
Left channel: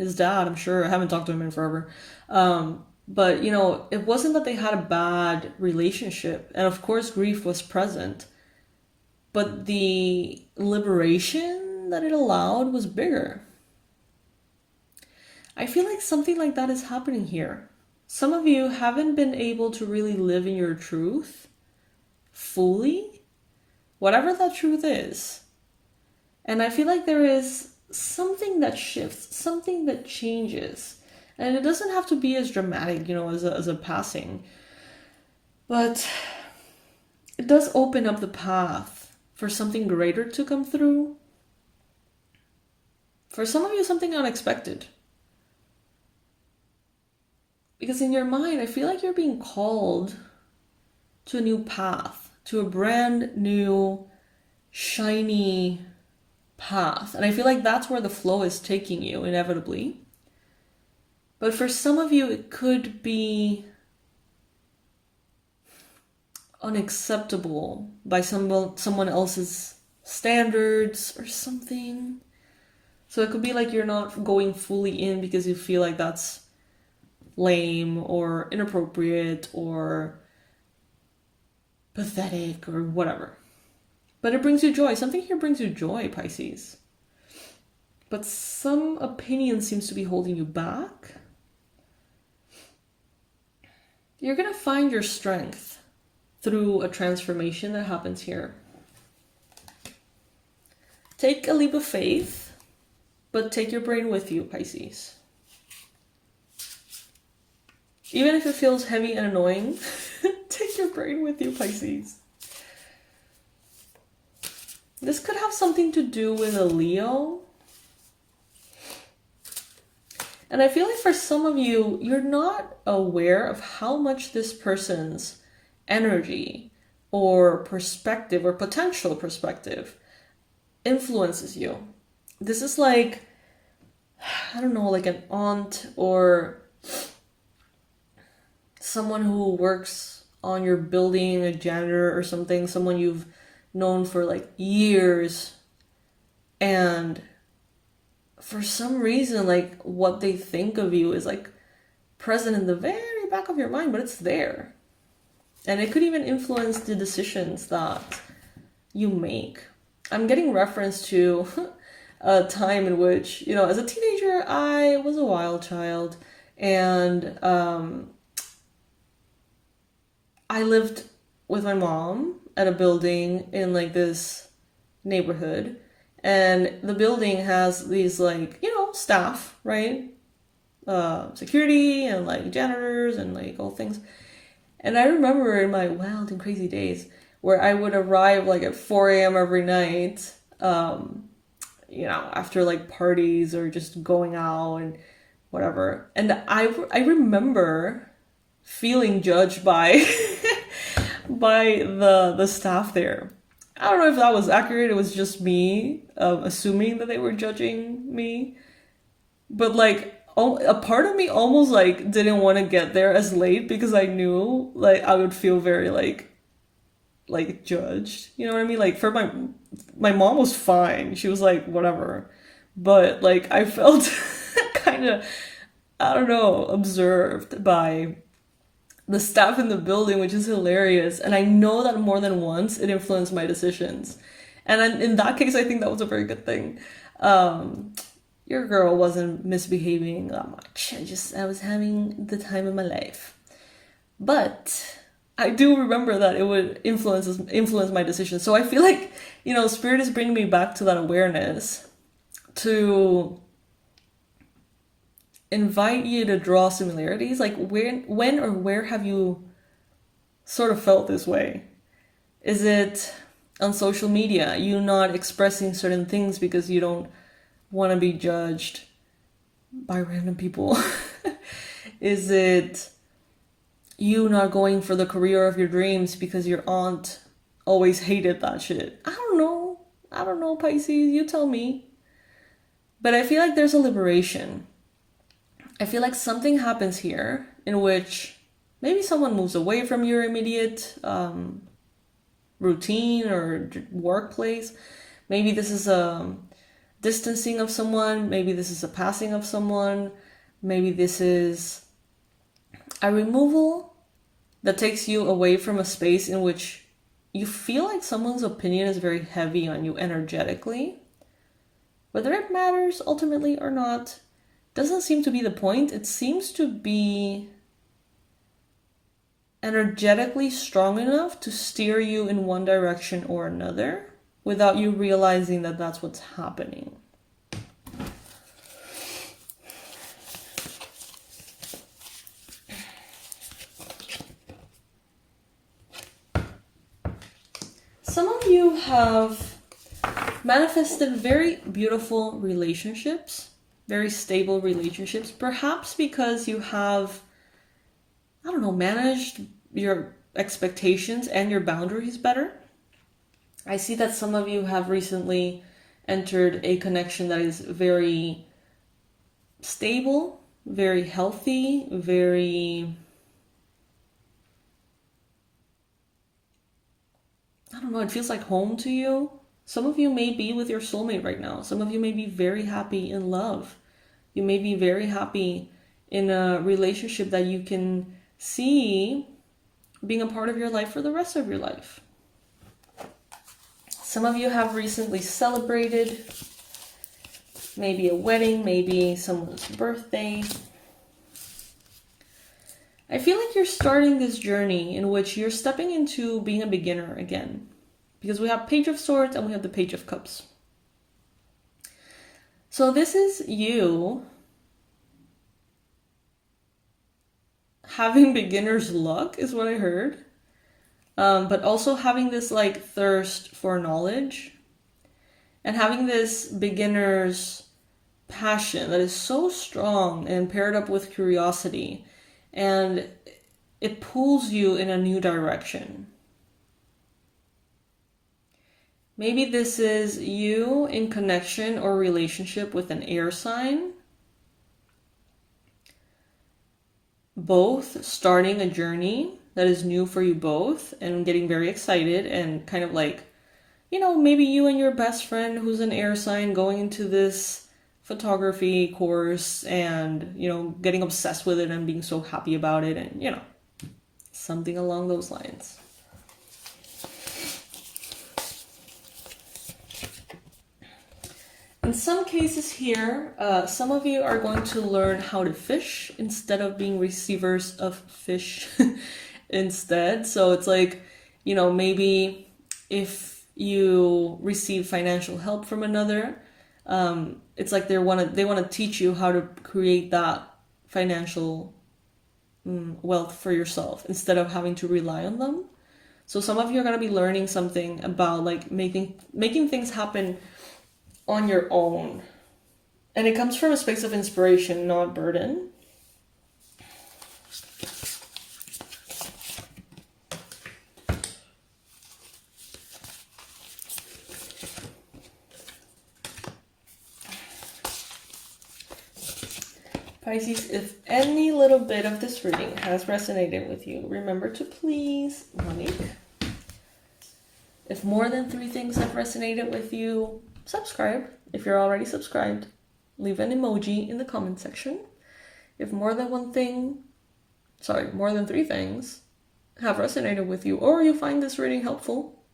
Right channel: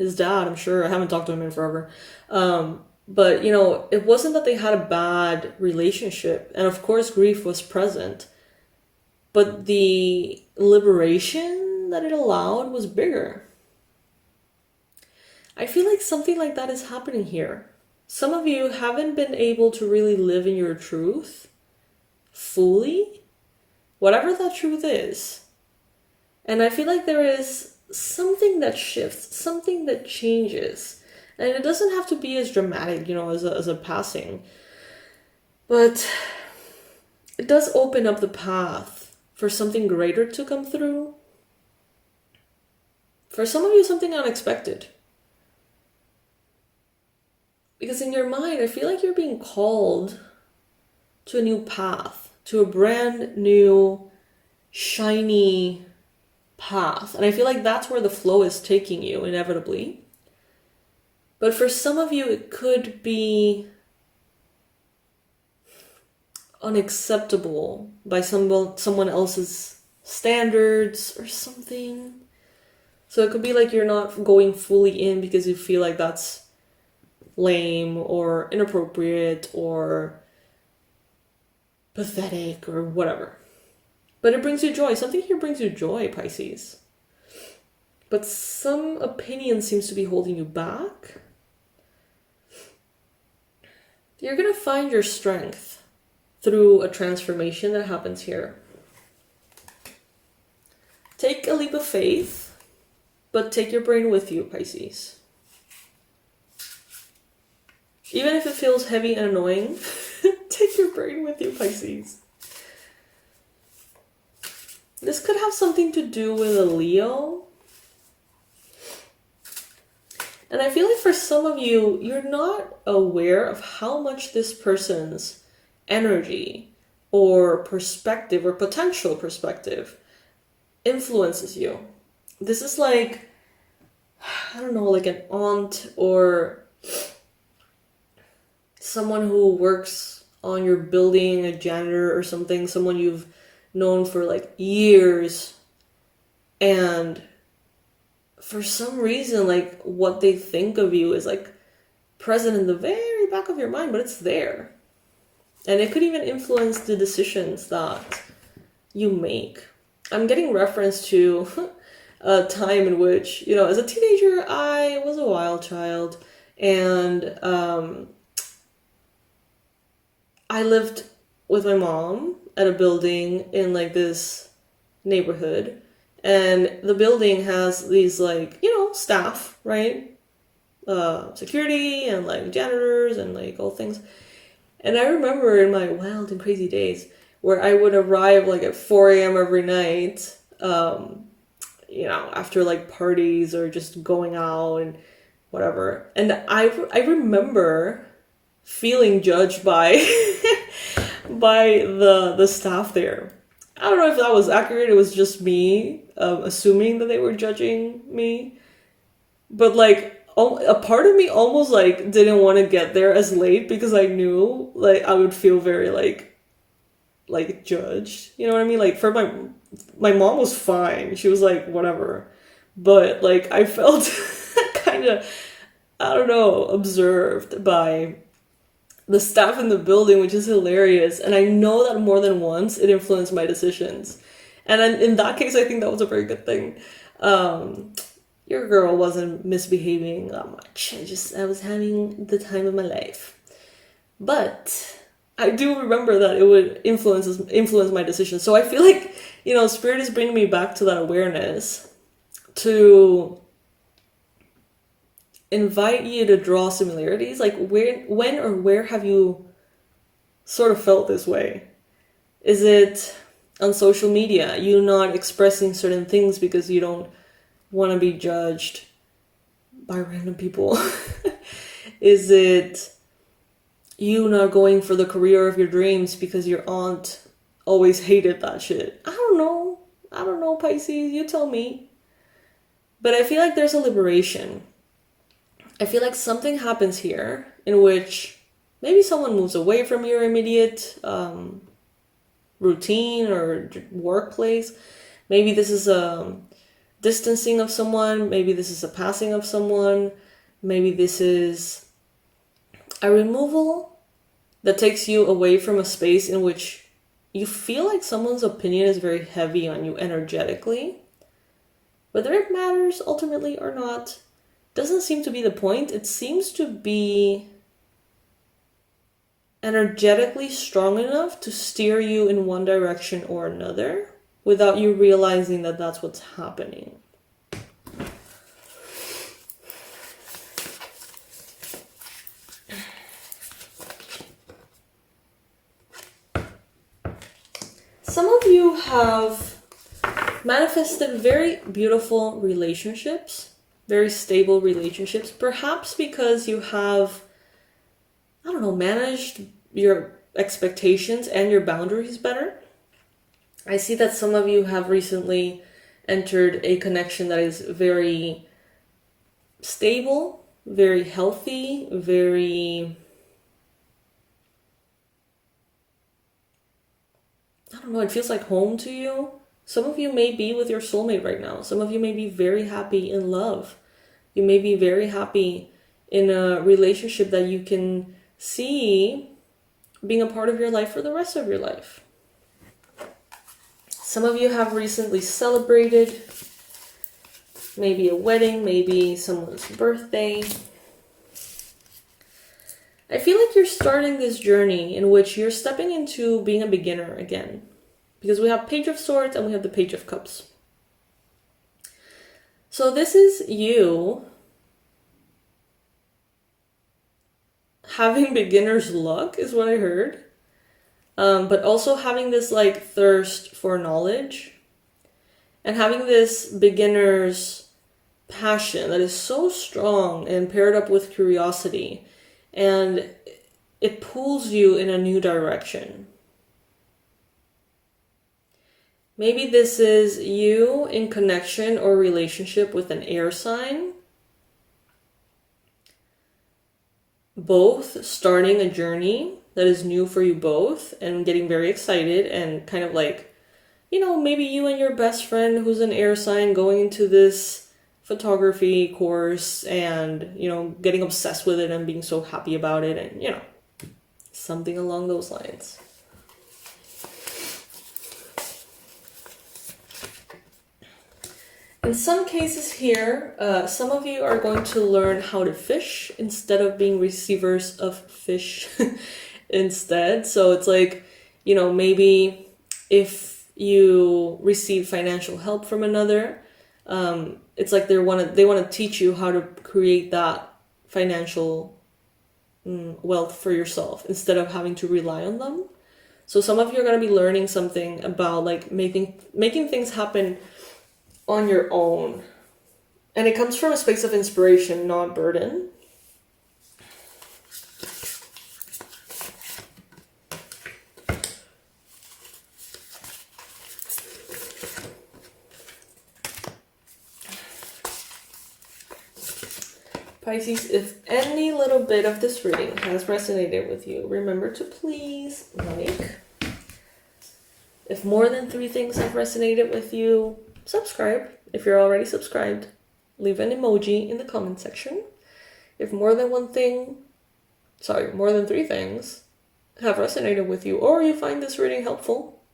his dad, I'm sure. I haven't talked to him in forever. But, you know, it wasn't that they had a bad relationship. And of course, grief was present. But the liberation that it allowed was bigger. I feel like something like that is happening here. Some of you haven't been able to really live in your truth fully, whatever that truth is. And I feel like there is something that shifts, something that changes. And it doesn't have to be as dramatic, you know, as a passing. But it does open up the path for something greater to come through. For some of you, something unexpected. Because in your mind, I feel like you're being called to a new path, to a brand new, shiny path. And I feel like that's where the flow is taking you, inevitably. But for some of you, it could be unacceptable by someone else's standards or something. So it could be like you're not going fully in because you feel like that's lame or inappropriate or pathetic or whatever. But it brings you joy. Something here brings you joy, Pisces. But some opinion seems to be holding you back. You're going to find your strength through a transformation that happens here. Take a leap of faith, but take your brain with you, Pisces. Even if it feels heavy and annoying, take your brain with you, Pisces. This could have something to do with a Leo. And I feel like for some of you, you're not aware of how much this person's energy or perspective or potential perspective influences you. This is like, I don't know, like an aunt or someone who works on your building, a janitor or something, someone you've known for like years, and for some reason, like what they think of you is like present in the very back of your mind, but it's there. And it could even influence the decisions that you make. I'm getting reference to a time in which, you know, as a teenager, I was a wild child, and I lived with my mom at a building in like this neighborhood, and the building has these like, you know, staff, right? Security and like janitors and like all things. And I remember in my wild and crazy days where I would arrive like at 4 a.m. every night, you know, after like parties or just going out and whatever. And I remember feeling judged by by the staff there. I don't know if that was accurate. It was just me assuming that they were judging me. But like a part of me almost like didn't want to get there as late because I knew like I would feel very like judged. You know what I mean? Like for my mom was fine. She was like whatever. But like I felt kind of, I don't know, observed by the staff in the building, which is hilarious. And I know that more than once it influenced my decisions. And in that case, I think that was a very good thing. Your girl wasn't misbehaving that much. I was having the time of my life. But I do remember that it would influence my decisions. So I feel like, you know, Spirit is bringing me back to that awareness to invite you to draw similarities. Like when or where have you sort of felt this way? Is it on social media? You not expressing certain things because you don't want to be judged by random people? Is it you not going for the career of your dreams because your aunt always hated that shit? I don't know, Pisces, you tell me. But I feel like there's a liberation. I feel like something happens here in which maybe someone moves away from your immediate routine or workplace. Maybe this is distancing of someone. Maybe this is a passing of someone. Maybe this is a removal that takes you away from a space in which you feel like someone's opinion is very heavy on you energetically. Whether it matters ultimately or not doesn't seem to be the point. It seems to be energetically strong enough to steer you in one direction or another without you realizing that that's what's happening. Some of you have manifested very beautiful relationships, very stable relationships, perhaps because you have, I don't know, managed your expectations and your boundaries better. I see that some of you have recently entered a connection that is very stable, very healthy, very, I don't know, it feels like home to you. Some of you may be with your soulmate right now. Some of you may be very happy in love. You may be very happy in a relationship that you can see being a part of your life for the rest of your life. Some of you have recently celebrated maybe a wedding, maybe someone's birthday. I feel like you're starting this journey in which you're stepping into being a beginner again. Because we have Page of Swords and we have the Page of Cups. So this is you having beginner's luck is what I heard. But also having this like thirst for knowledge. And having this beginner's passion that is so strong and paired up with curiosity. And it pulls you in a new direction. Maybe this is you in connection or relationship with an air sign. Both starting a journey that is new for you both and getting very excited and kind of like, you know, maybe you and your best friend who's an air sign going into this photography course and, you know, getting obsessed with it and being so happy about it and, you know, something along those lines. In some cases here, some of you are going to learn how to fish instead of being receivers of fish instead. So it's like, you know, maybe if you receive financial help from another, it's like they want to teach you how to create that financial wealth for yourself instead of having to rely on them. So some of you are going to be learning something about like making things happen on your own. And it comes from a space of inspiration, not burden. Pisces, if any little bit of this reading has resonated with you, remember to please like. If more than 3 things have resonated with you, subscribe. If you're already subscribed, leave an emoji in the comment section. If more than 3 things have resonated with you, or you find this reading helpful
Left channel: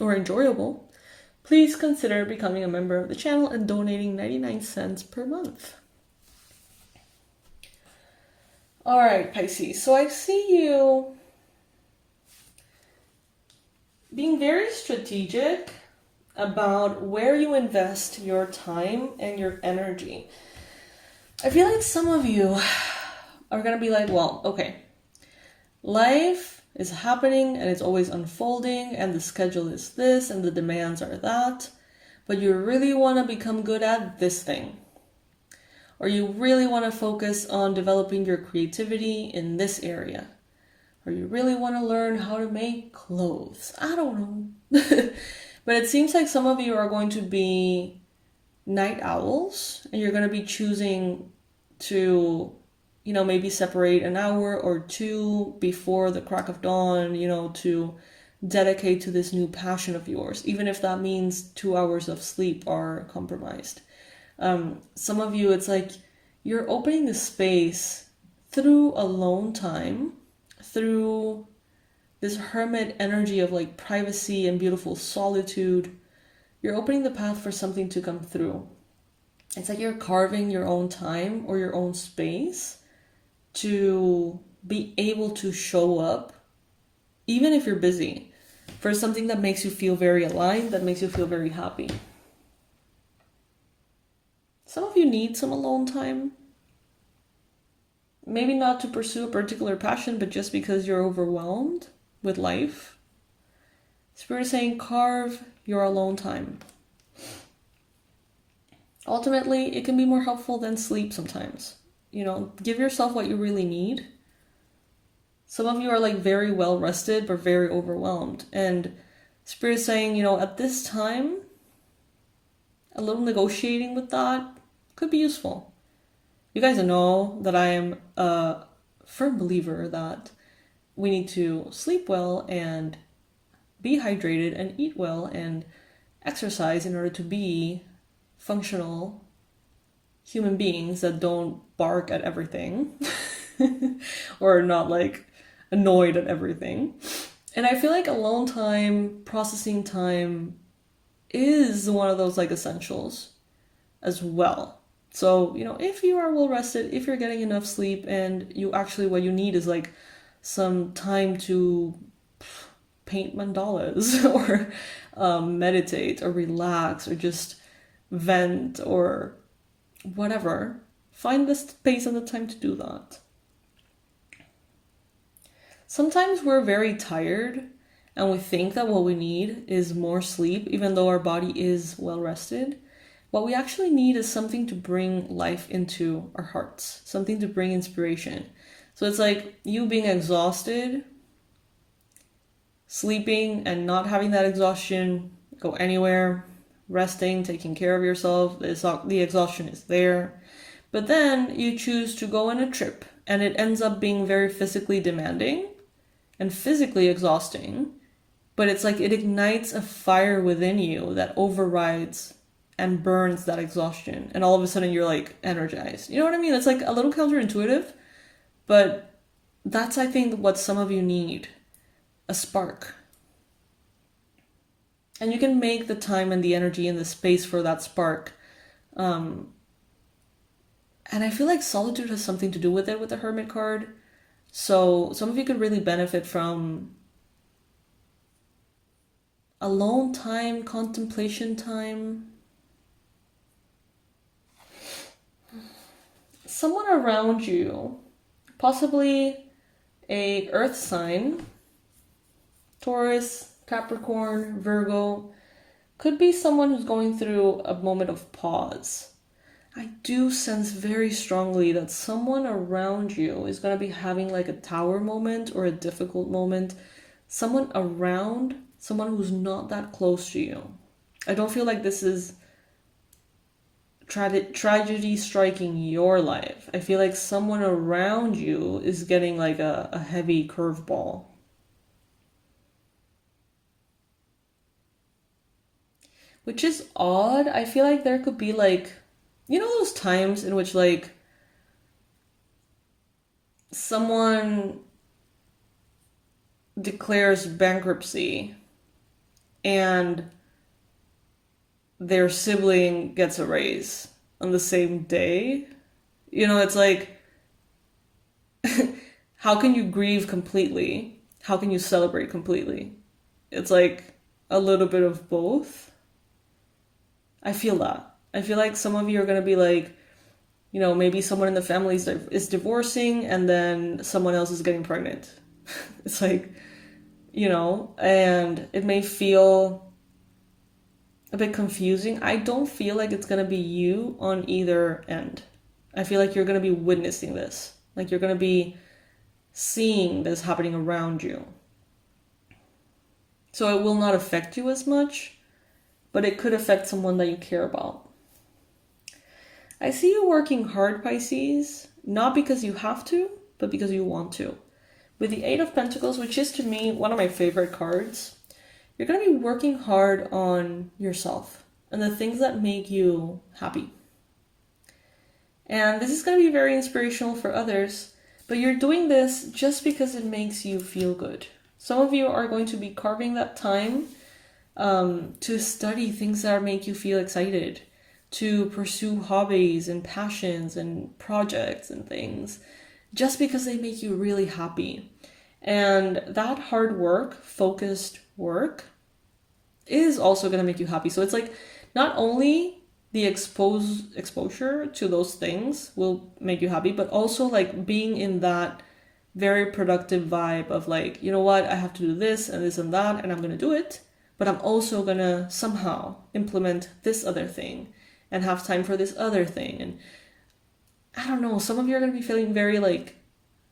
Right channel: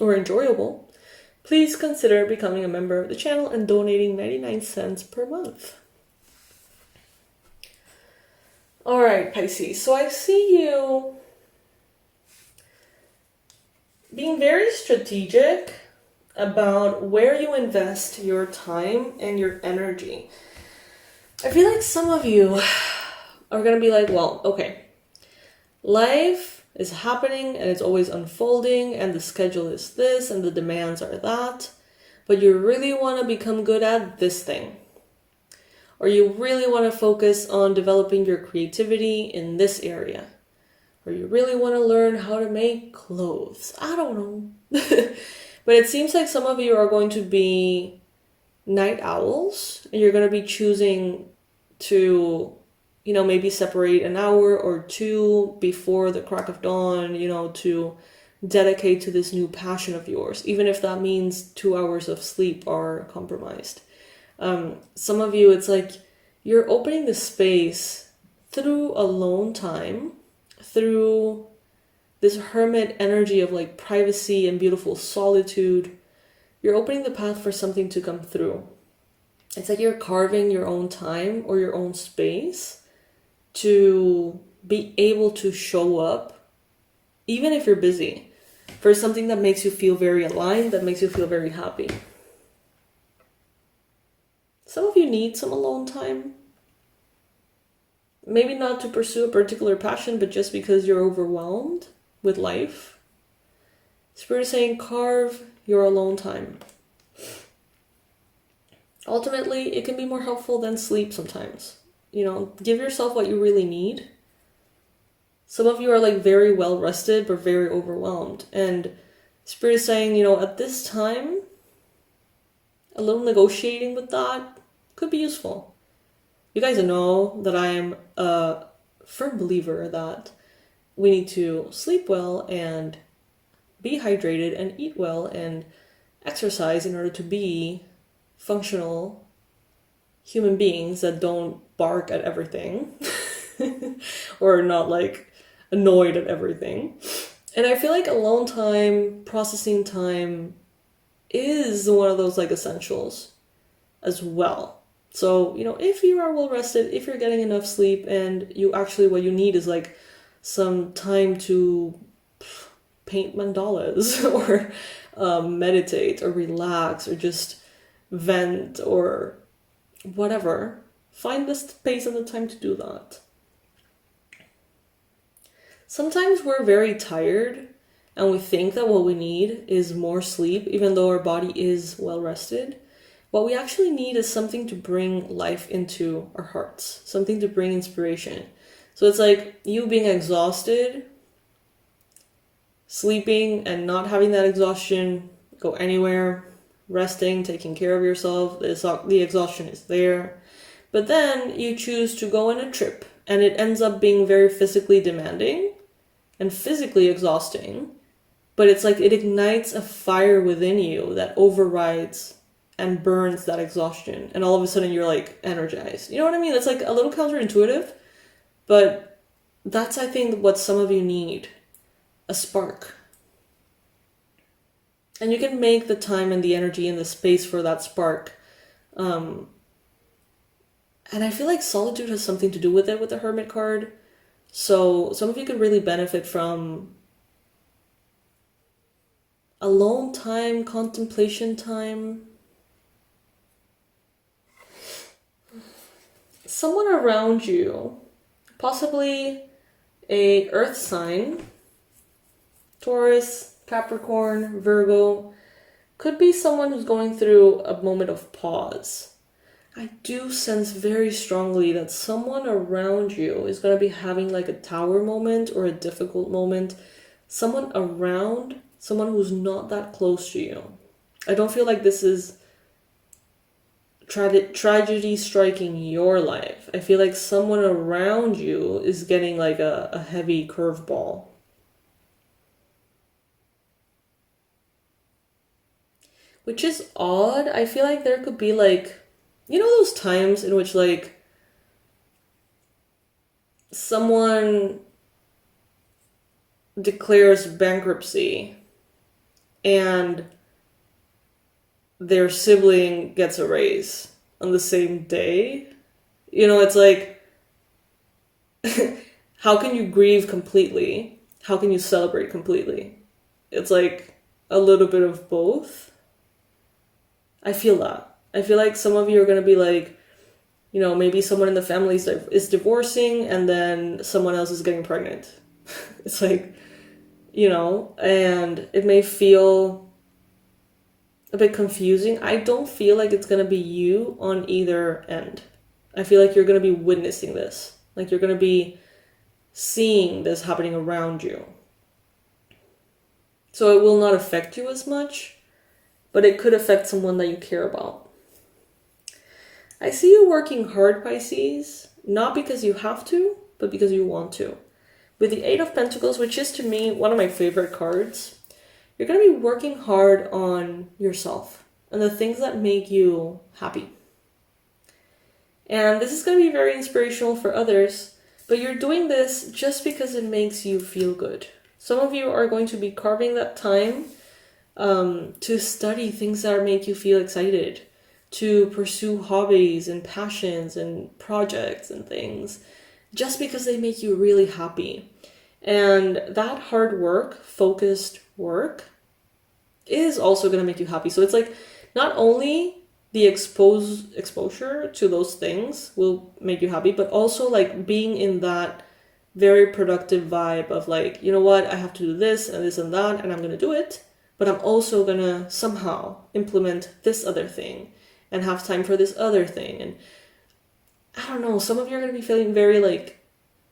or enjoyable, please consider becoming a member of the channel and donating 99 cents per month. All right, Pisces. So I see you being very strategic about where you invest your time and your energy. I feel like some of you are going to be like, well, okay, life is happening and it's always unfolding and the schedule is this and the demands are that, but you really want to become good at this thing. Or you really want to focus on developing your creativity in this area. Or you really want to learn how to make clothes. I don't know. But it seems like some of you are going to be night owls and you're going to be choosing to, you know, maybe separate an hour or 2 before the crack of dawn, you know, to dedicate to this new passion of yours, even if that means 2 hours of sleep are compromised. Some of you, it's like you're opening the space through alone time, through this hermit energy of like privacy and beautiful solitude. You're opening the path for something to come through. It's like you're carving your own time or your own space to be able to show up, even if you're busy, for something that makes you feel very aligned, that makes you feel very happy. Some of you need some alone time. Maybe not to pursue a particular passion, but just because you're overwhelmed with life. Spirit is saying, carve your alone time. Ultimately, it can be more helpful than sleep sometimes. You know, give yourself what you really need. Some of you are like very well rested, but very overwhelmed. And Spirit is saying, you know, at this time, a little negotiating with that could be useful. You guys know that I am a firm believer that we need to sleep well and be hydrated and eat well and exercise in order to be functional human beings that don't bark at everything or not like annoyed at everything. And I feel like alone time, processing time is one of those like essentials as well. So, you know, if you are well rested, if you're getting enough sleep, and you actually, what you need is like some time to paint mandalas or meditate or relax or just vent or whatever, find the space and the time to do that. Sometimes we're very tired and we think that what we need is more sleep, even though our body is well rested. What we actually need is something to bring life into our hearts, something to bring inspiration. So it's like you being exhausted, sleeping and not having that exhaustion go anywhere, resting, taking care of yourself, the exhaustion is there. But then you choose to go on a trip and it ends up being very physically demanding and physically exhausting. But it's like it ignites a fire within you that overrides and burns that exhaustion. And all of a sudden you're like energized. You know what I mean? It's like a little counterintuitive, but that's, I think, what some of you need. A spark. And you can make the time and the energy and the space for that spark. And I feel like solitude has something to do with it with the Hermit card. So some of you could really benefit from alone time, contemplation time. Someone around you, possibly a earth sign, Taurus, Capricorn, Virgo, could be someone who's going through a moment of pause. I do sense very strongly that someone around you is going to be having like a tower moment or a difficult moment. Someone around, someone who's not that close to you. I don't feel like this is tragedy striking your life. I feel like someone around you is getting like a heavy curveball. Which is odd. I feel like there could be like, you know, those times in which like someone declares bankruptcy and their sibling gets a raise on the same day. You know, it's like, how can you grieve completely? How can you celebrate completely? It's like a little bit of both. I feel that. I feel like some of you are going to be like, you know, maybe someone in the family is divorcing and then someone else is getting pregnant. It's like, you know, and it may feel a bit confusing. I don't feel like it's going to be you on either end. I feel like you're going to be witnessing this. Like you're going to be seeing this happening around you. So it will not affect you as much, but it could affect someone that you care about. I see you working hard, Pisces, not because you have to, but because you want to. with the Eight of Pentacles, which is to me one of my favorite cards, you're going to be working hard on yourself and the things that make you happy. And this is going to be very inspirational for others, but you're doing this just because it makes you feel good. Some of you are going to be carving that time to study things that make you feel excited, to pursue hobbies and passions and projects and things, just because they make you really happy. And that hard work, focused work, is also going to make you happy. So it's like not only the exposure to those things will make you happy, but also like being in that very productive vibe of like, you know what, I have to do this and this and that, and I'm going to do it, but I'm also going to somehow implement this other thing and have time for this other thing. And I don't know, some of you are going to be feeling very like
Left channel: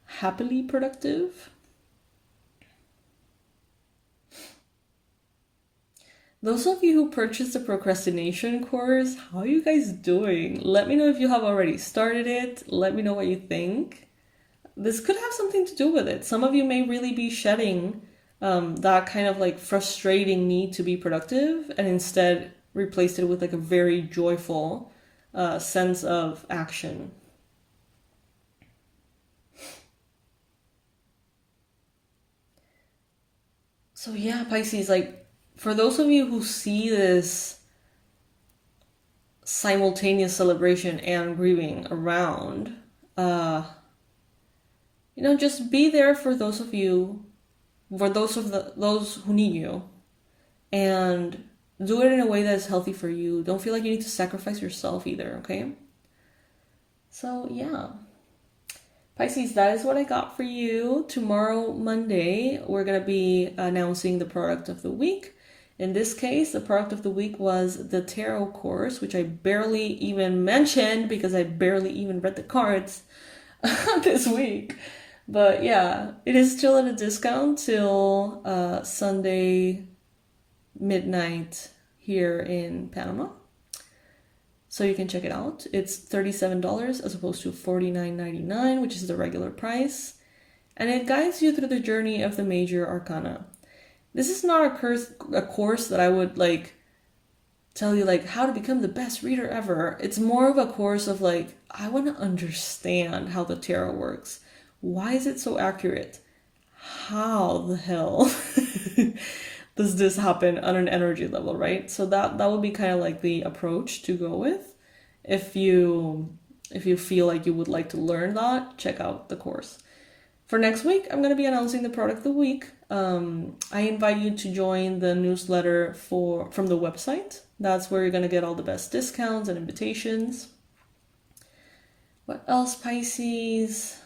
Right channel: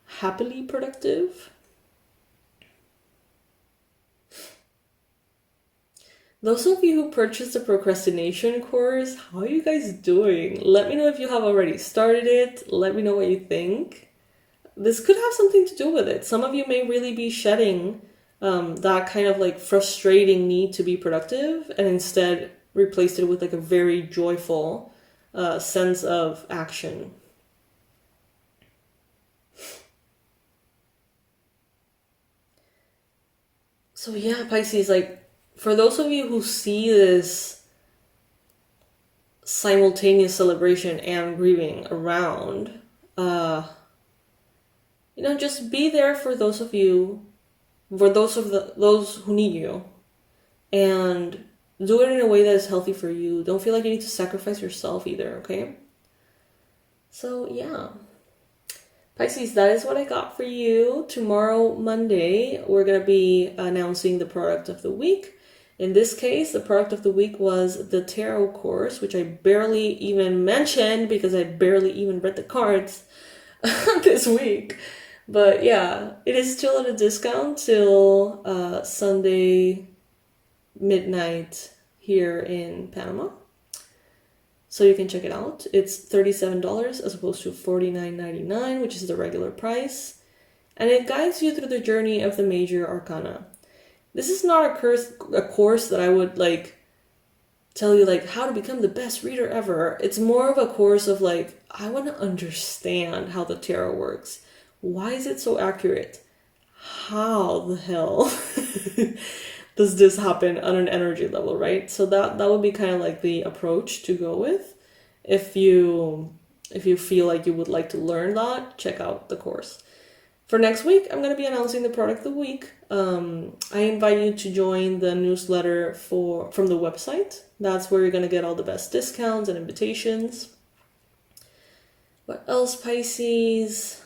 happily productive. Those of you who purchased the procrastination course, how are you guys doing? Let me know if you have already started it. Let me know what you think. This could have something to do with it. Some of you may really be shedding that kind of like frustrating need to be productive and instead replaced it with like a very joyful sense of action. So yeah, Pisces, like, for those of you who see this simultaneous celebration and grieving around, just be there for those of you, for those who need you, and do it in a way that is healthy for you. Don't feel like you need to sacrifice yourself either, okay? So yeah. Pisces, that is what I got for you. Tomorrow, Monday, we're going to be announcing the product of the week. In this case, the product of the week was the tarot course, which I barely even mentioned because I barely even read the cards this week. But yeah, it is still at a discount till Sunday midnight here in Panama. So you can check it out. It's $37 as opposed to $49.99, which is the regular price. And it guides you through the journey of the major arcana. This is not a course that I would like tell you like how to become the best reader ever. It's more of a course of like, I want to understand how the tarot works. Why is it so accurate? How the hell does this happen on an energy level, right? So that would be kind of like the approach to go with. If you feel like you would like to learn that, check out the course. For next week, I'm going to be announcing the product of the week. I invite you to join the newsletter from the website. That's where you're going to get all the best discounts and invitations. What else, Pisces?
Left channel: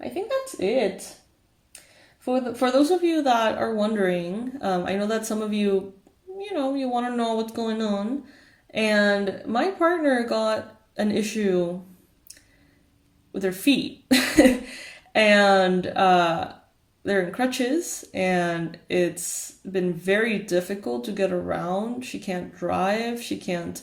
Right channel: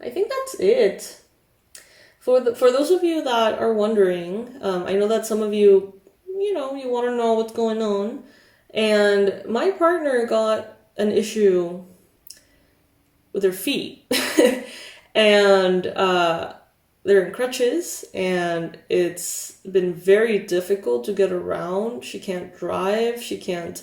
I think that's it. For those of you that are wondering, I know that some of you, you want to know what's going on. And my partner got an issue with her feet. And they're in crutches, and it's been very difficult to get around. She can't drive. She can't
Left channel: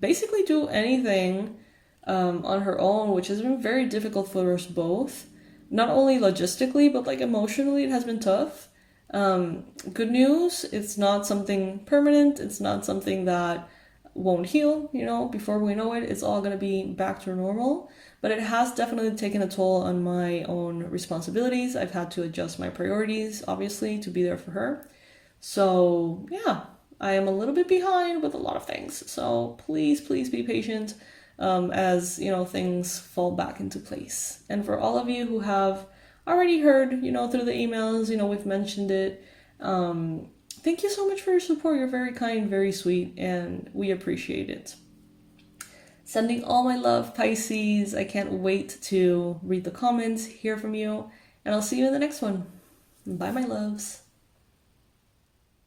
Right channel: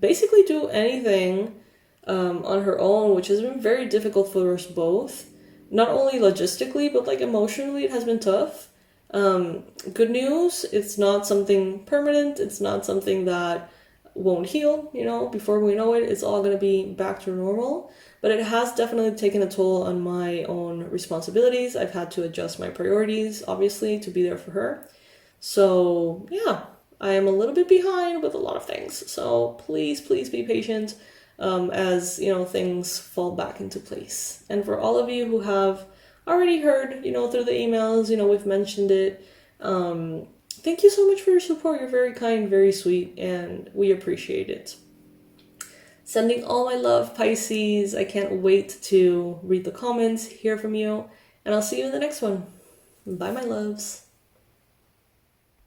basically do anything on her own, which has been very difficult for us both. Not only logistically, but like emotionally, it has been tough. Good news, it's not something permanent. It's not something that won't heal, before we know it, it's all going to be back to normal. But it has definitely taken a toll on my own responsibilities. I've had to adjust my priorities, obviously, to be there for her. So yeah, I am a little bit behind with a lot of things. So please be patient as, things fall back into place. And for all of you who have already heard, through the emails, we've mentioned it. Thank you so much for your support. You're very kind, very sweet, and we appreciate it. Sending all my love, Pisces. I can't wait to read the comments, hear from you, and I'll see you in the next one. Bye, my loves.